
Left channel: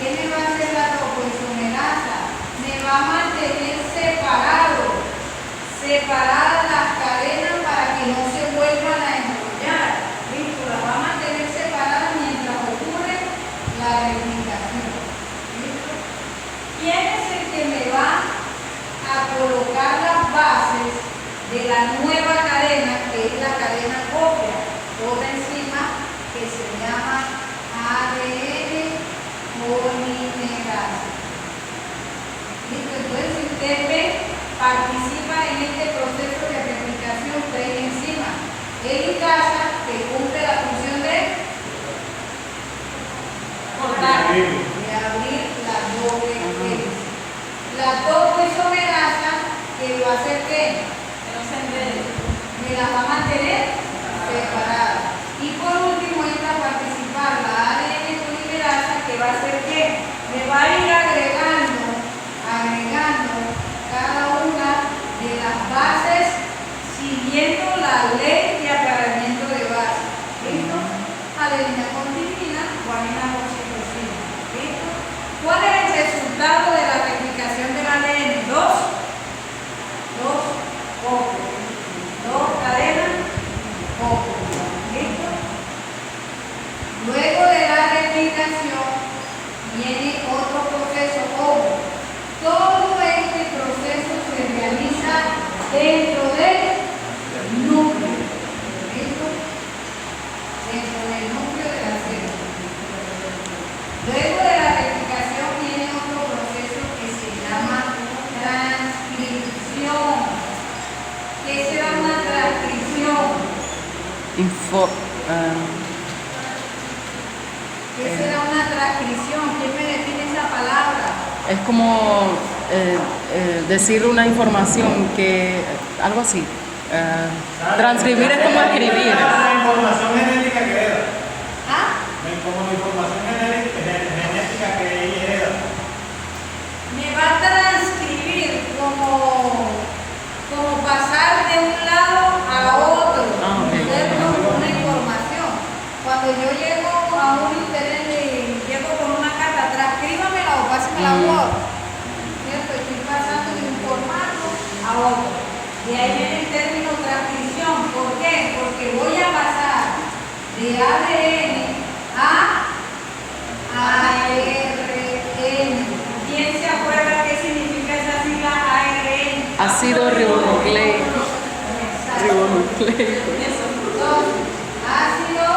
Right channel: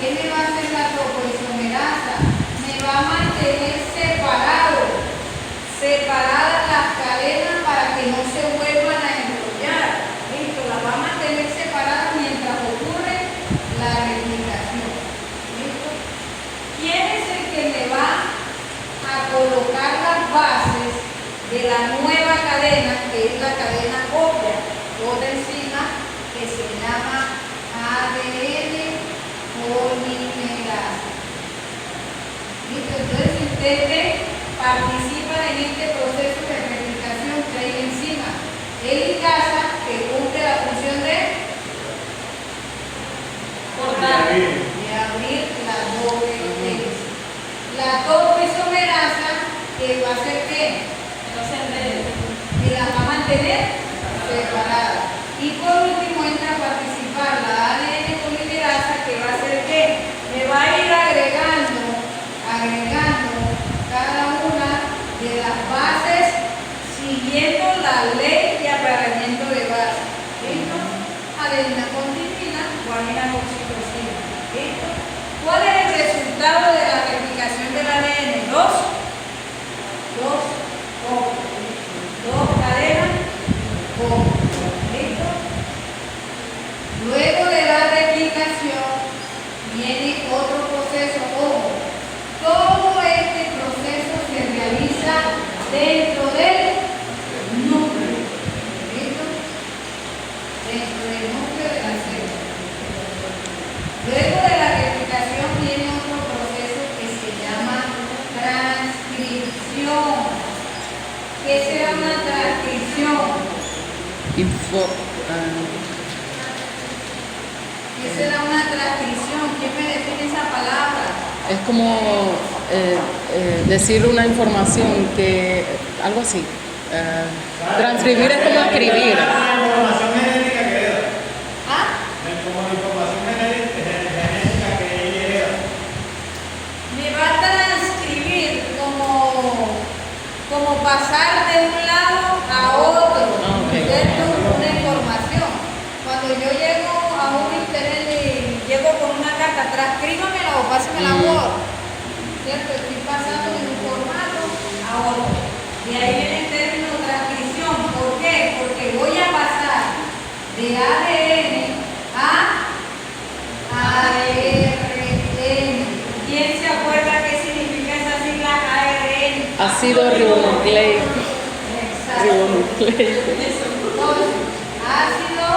¿Qué me va a hacer la topoisomerasa? Me va a mantener separadas las cadenas para que no se vuelvan a enrollar. ¿Listo? Las va a mantener separadas mientras ocurre la replicación. ¿Listo? ¿Quién es el que me va a colocar las bases de la nueva cadena, que es la cadena copia? Otra enzima que se llama ADN polimerasa. ¿Listo? Entonces, si usted ve, participa de helicasa, que cumple la función de cortar, de abrir la doble hélice. La topoisomerasa, que va a hacer que No se enrede. las va a mantener separadas. Y por último entra a participar la ADN polimerasa, que va a hacer que me va a ir agregando cada una de las bases siguiendo la ley de acarreamiento de bases. ¿Listo? Adenina con timina, guanina con citosina. ¿Listo? ¿Cuál es el resultado de la replicación del ADN? Dos óvulos. Dos cadenas, óvulos. ¿Listo? Luego de la replicación viene otro proceso, ojo. Todo este proceso se realiza dentro del núcleo. ¿Listo? Dentro del núcleo de la célula. Luego de la replicación viene otro proceso que se llama transcripción. ¿Qué será una transcripción? ¿Qué será una transcripción? ¿Quién me define esa palabra? Es como decir una información que, algo así. Transcribir es como escribir. La información genética que hereda. ¿Ah? Como la información genética que ella hereda. Me va a transcribir como pasar de un lado a otro, ¿cierto? Una información. Cuando yo llego a un internet y llego con una carta, transcríbamela o pásamela a Word, ¿cierto? Estoy pasando de un formato a otro. De ahí viene el término transcripción. ¿Por qué? Porque voy a pasar de ADN a ARN. ¿Quién se acuerda qué significa esa sigla ARN? Ácido ribonucleico. Exacto. Ribonucleico. Entonces, ácido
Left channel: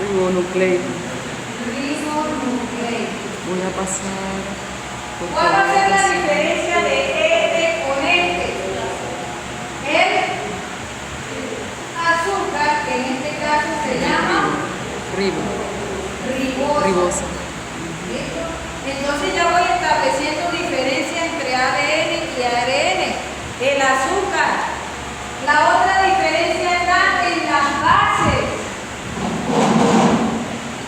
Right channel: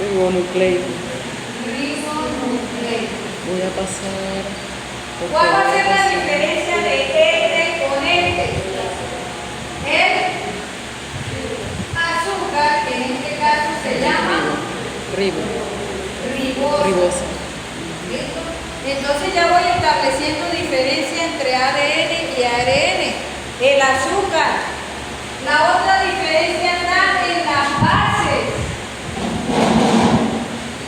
Ribonucleico. ribonucleico. Voy a pasar. por ¿Cuál va a ser la favor. diferencia de este con este? El azúcar, que en este caso se llama ribosa. Ribosa. ¿Listo? Entonces ya voy estableciendo diferencia entre ADN y ARN. El azúcar. La otra diferencia está en las bases.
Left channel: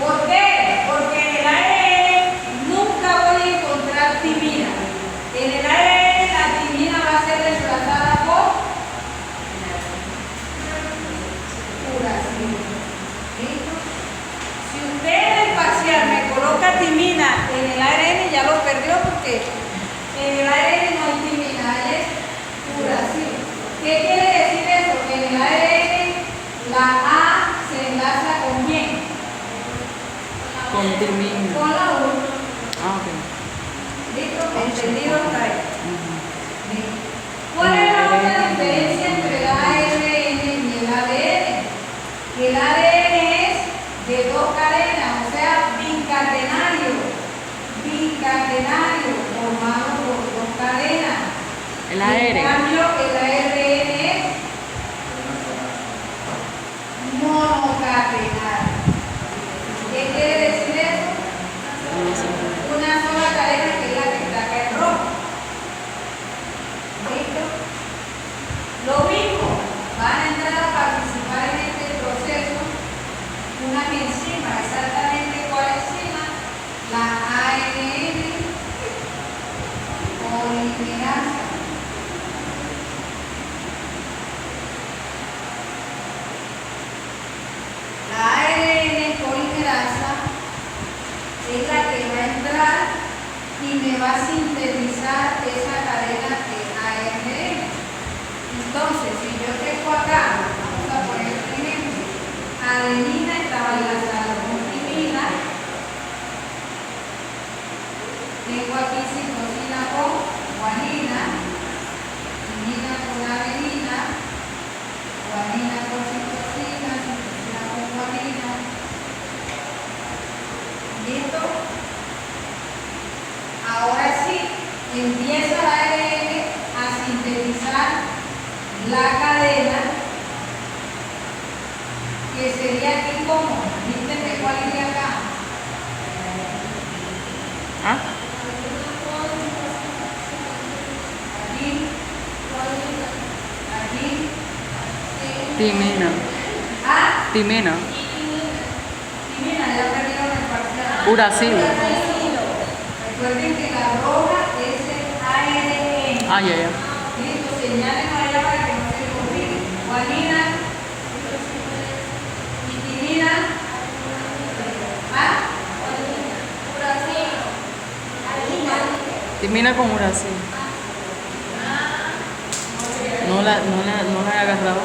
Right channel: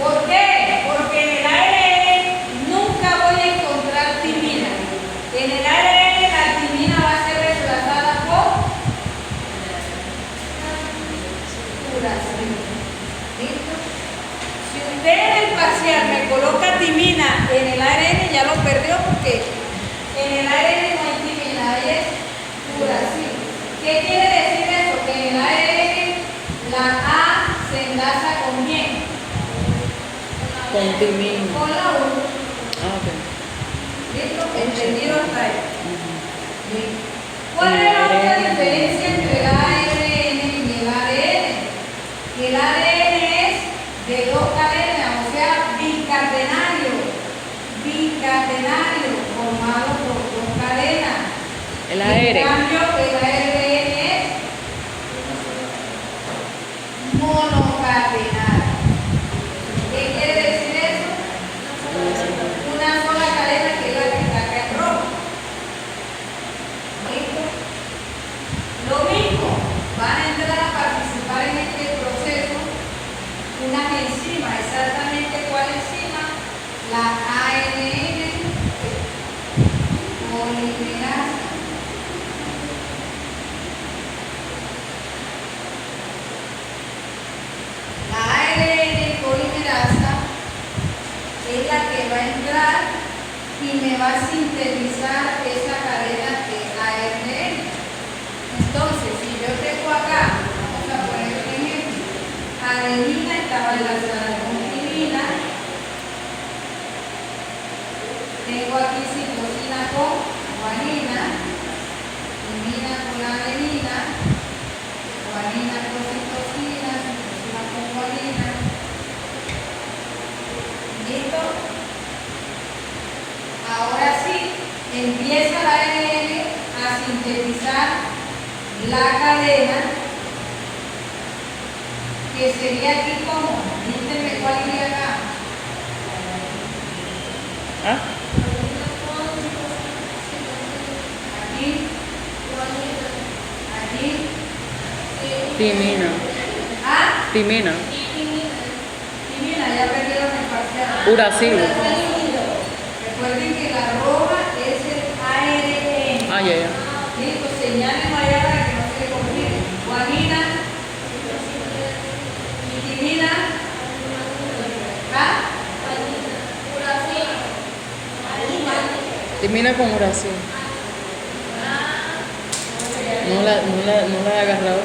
¿Por qué? Porque en el ARN nunca voy a encontrar timina. En el ARN la timina va a ser reemplazada por uracilo. ¿Listo? Si usted en el parcial me coloca timina en el ARN, ya lo perdió porque en el ARN no hay timina, ahí es uracilo. ¿Qué quiere decir eso? Que en el ARN la A se enlaza con quién? Con timina. Con la U. Ah, ok. ¿Listo? ¿Entendido hasta ahí? Bien. ¿Cuál es la otra diferencia entre el ARN y el ADN? Que el ADN es de dos cadenas, o sea, bicatenario. Bicatenario, formado por dos cadenas. El En AR. cambio, el ARN es monocatenario. ¿Qué quiere decir eso? Una sola cadena que es la que está acá en rojo. ¿Listo? Lo mismo, van a entrar a participar en este proceso unas enzimas. ¿Exactamente cuál enzima? La ARN polimerasa. La ARN polimerasa es la que va a entrar y me va a sintetizar esa cadena de ARN. Entonces, si yo tengo acá, vamos a poner un ejemplo, adenina estaba enlazada con timina, tengo aquí citosina con guanina, timina con adenina, guanina con citosina con guanina. ¿Listo? Ahora sí, empieza la ARN a sintetizar la cadena que sería aquí como, dígame cuál iría acá. ¿Ah? Aquí, aquí, Timina. ah, Timina. y mira, ya perdieron el parcial. Uracilo. Recuerden que la roja es el ARN. Ah, ya, ya. Listo, señalen allá para que no se le complique. Guanina, vitimina, ¿ah? Timina con uracilo. No la he agarrado.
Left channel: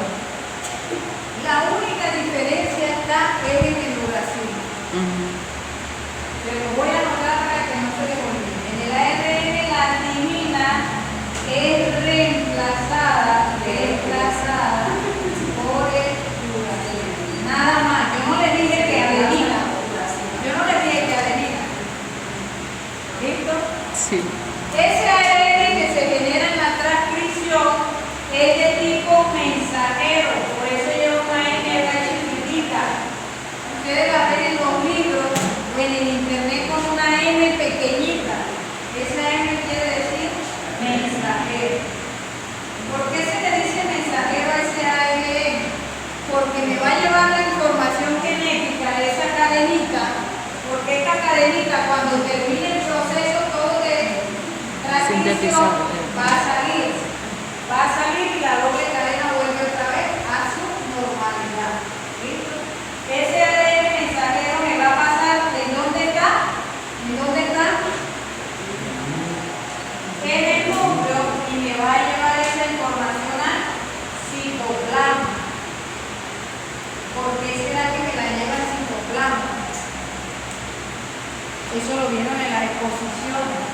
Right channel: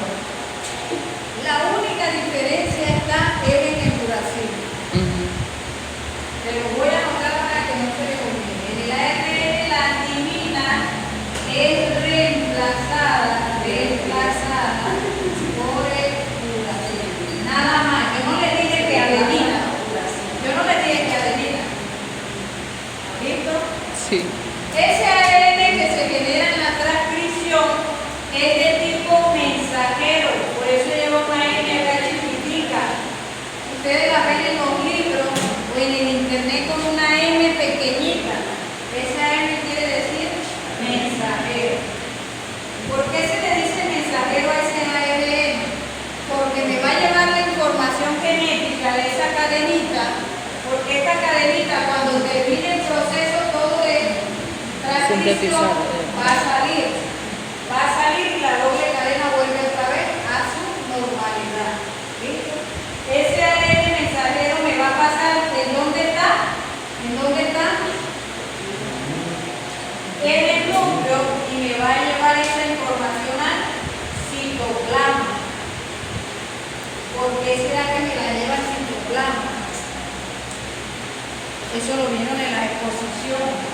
La única diferencia está en el uracilo. Ujú. Te lo voy a anotar para que no se le olvide. En el ARN la timina es reemplazada por el uracilo. Nada más. Yo no le dije que adenina. Yo no le dije que adenina. ¿Listo? Sí. Ese ARN que se genera en la transcripción es de tipo mensajero, por eso lleva una N chiquitica. Ustedes la ven en los libros o en el internet con una M pequeñita. Esa M quiere decir mensajero. ¿Por qué se le dice mensajero a ese ARN? Porque me va a llevar la información genética de esa cadenita, porque esta cadenita cuando termine el proceso todo de transcripción va a salir y la doble cadena vuelve otra vez a su normalidad. ¿Listo? Ese ARN mensajero me va a pasar ¿en dónde está? ¿En dónde está? En el núcleo y me va a llevar esa información al citoplasma. ¿Por qué será que me la lleva al citoplasma? Eso lo vieron en las exposiciones.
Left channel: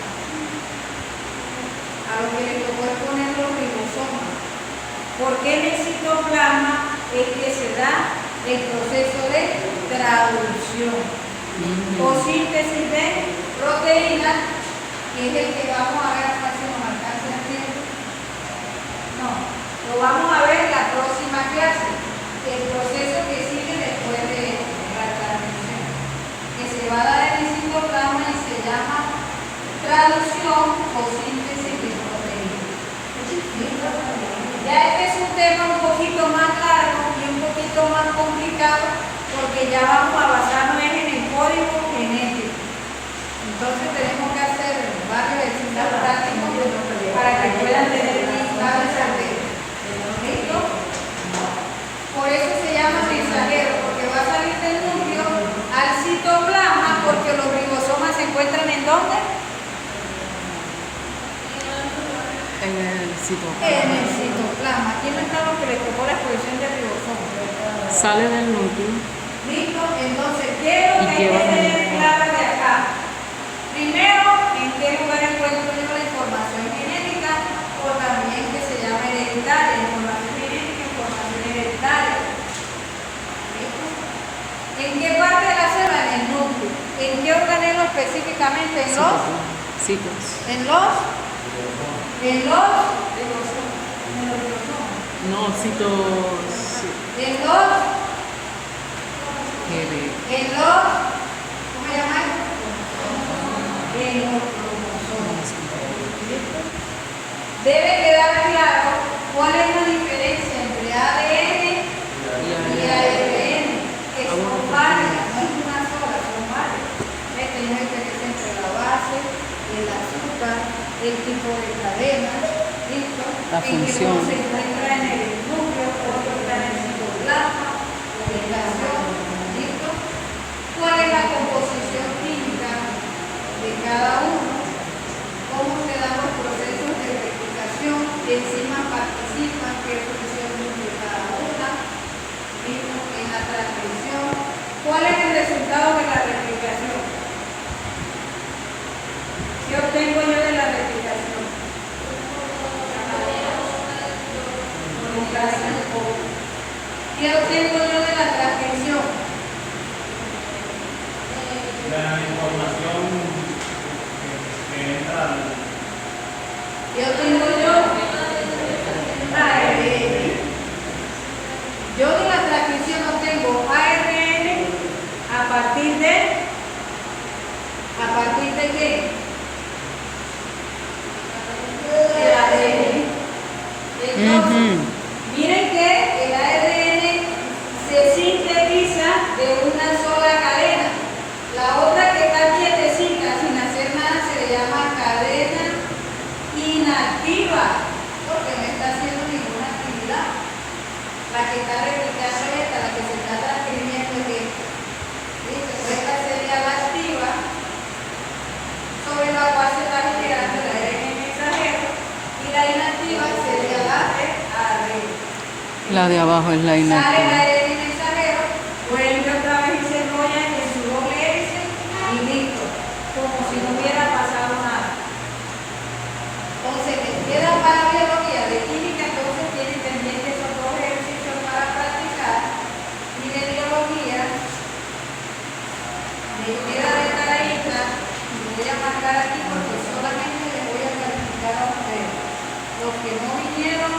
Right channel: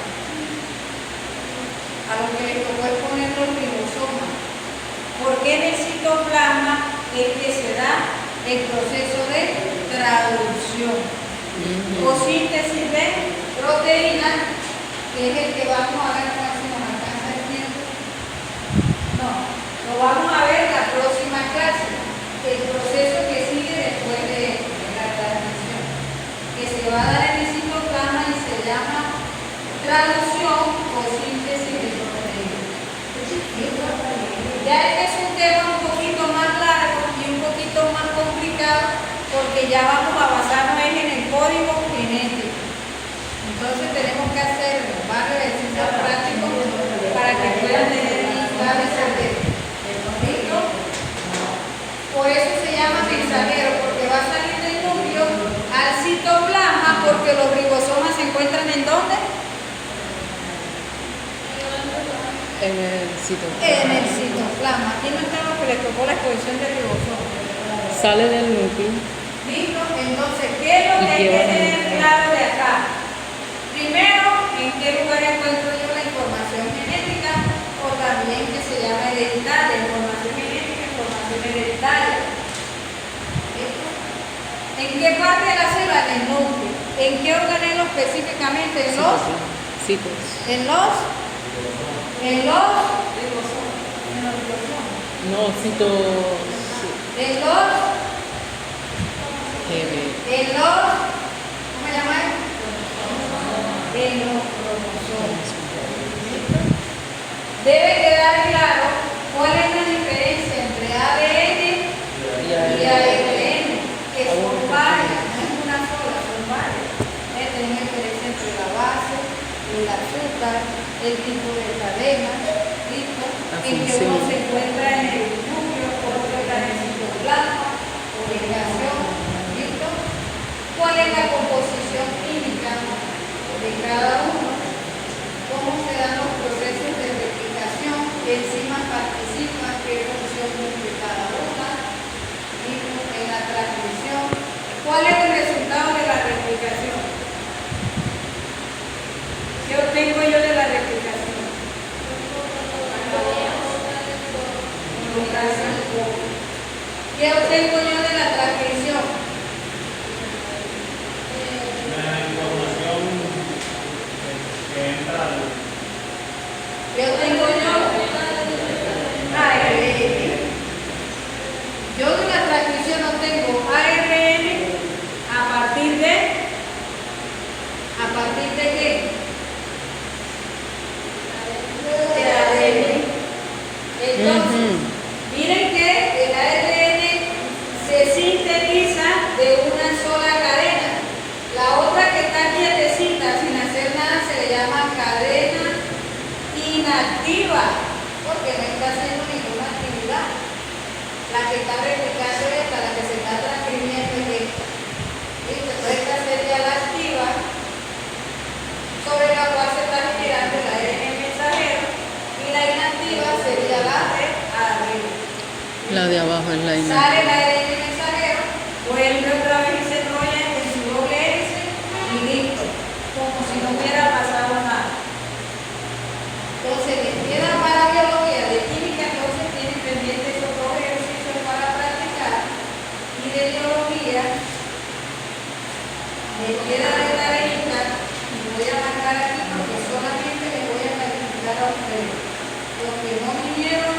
A lo que le tocó es poner los ribosomas. Porque en el citoplasma es que se da el proceso de traducción o síntesis de proteínas, que es el que vamos a ver, casi nos alcanza el tiempo. No, lo vamos a ver en la próxima clase. El proceso que sigue después de la transmisión, que se va a dar en el citoplasma y se llama traducción o síntesis de proteínas. Ya este es un tema un poquito más largo y un poquito más complicado porque ya vamos a basarnos en el código genético. Entonces tenemos que hacer varios ejercicios prácticos para que puedan tener listado ese tema. ¿Listo? Por eso se llama mensajero, porque va a salir del núcleo al citoplasma, porque los ribosomas se encuentran ¿en dónde? En el citoplasma. En el citoplasma. Aquí no está lo que le tocó la exposición del ribosoma. Sale del núcleo. ¿Listo? Entonces, ¿qué es lo que hay que tener claro de acá? Primero, ¿en qué lugar encuentro yo la información genética? O también que se llama hereditaria, información genética, información hereditaria. ¿Listo? ¿En qué parte de la célula? En el núcleo. ¿En qué organismo específicamente? En los Citos. No, citos. ¿cómo se llama? En los cromosomas. Debe quedar claro cuál es la diferencia entre ADN y ARN, que son varias, no es una sola, son varias. Tenemos diferencia entre la base, el azúcar, el tipo de cadena, ¿listo? En que uno se encuentra en el núcleo, otro está en el citoplasma, ubicación, ¿listo? ¿Cuál es la composición química de cada uno? ¿Cómo se dan los procesos de replicación? ¿Qué enzimas participan? ¿Qué función cumple cada una? ¿Listo? En la transcripción. ¿Cuál es el resultado de la replicación? ¿Qué obtengo yo de la replicación? ¿Qué obtengo yo de la transcripción? La información que entra al... ¿Qué obtengo yo? Yo de la transcripción obtengo Entonces, miren que el ARN se sintetiza de una sola cadena. La otra que está quietecita, sin hacer nada, se le llama cadena inactiva, porque no está haciendo ninguna actividad. La que está replicando es esta, la que se está transcribiendo es esta. ¿Listo? Entonces esta sería la activa, sobre la cual se está generando el ARN mensajero, y la inactiva sería la de arriba. La de abajo es la Sale el inactiva. ARN mensajero, vuelve otra vez y se enrolla en su doble hélice y listo, como si no hubiera pasado nada. Entonces, les queda para biología, de química, entonces tienen pendientes esos dos ejercicios para practicar, y de biología, les queda de tareita, y voy a marcar aquí porque solamente les voy a calificar a ustedes. Los que no vinieron,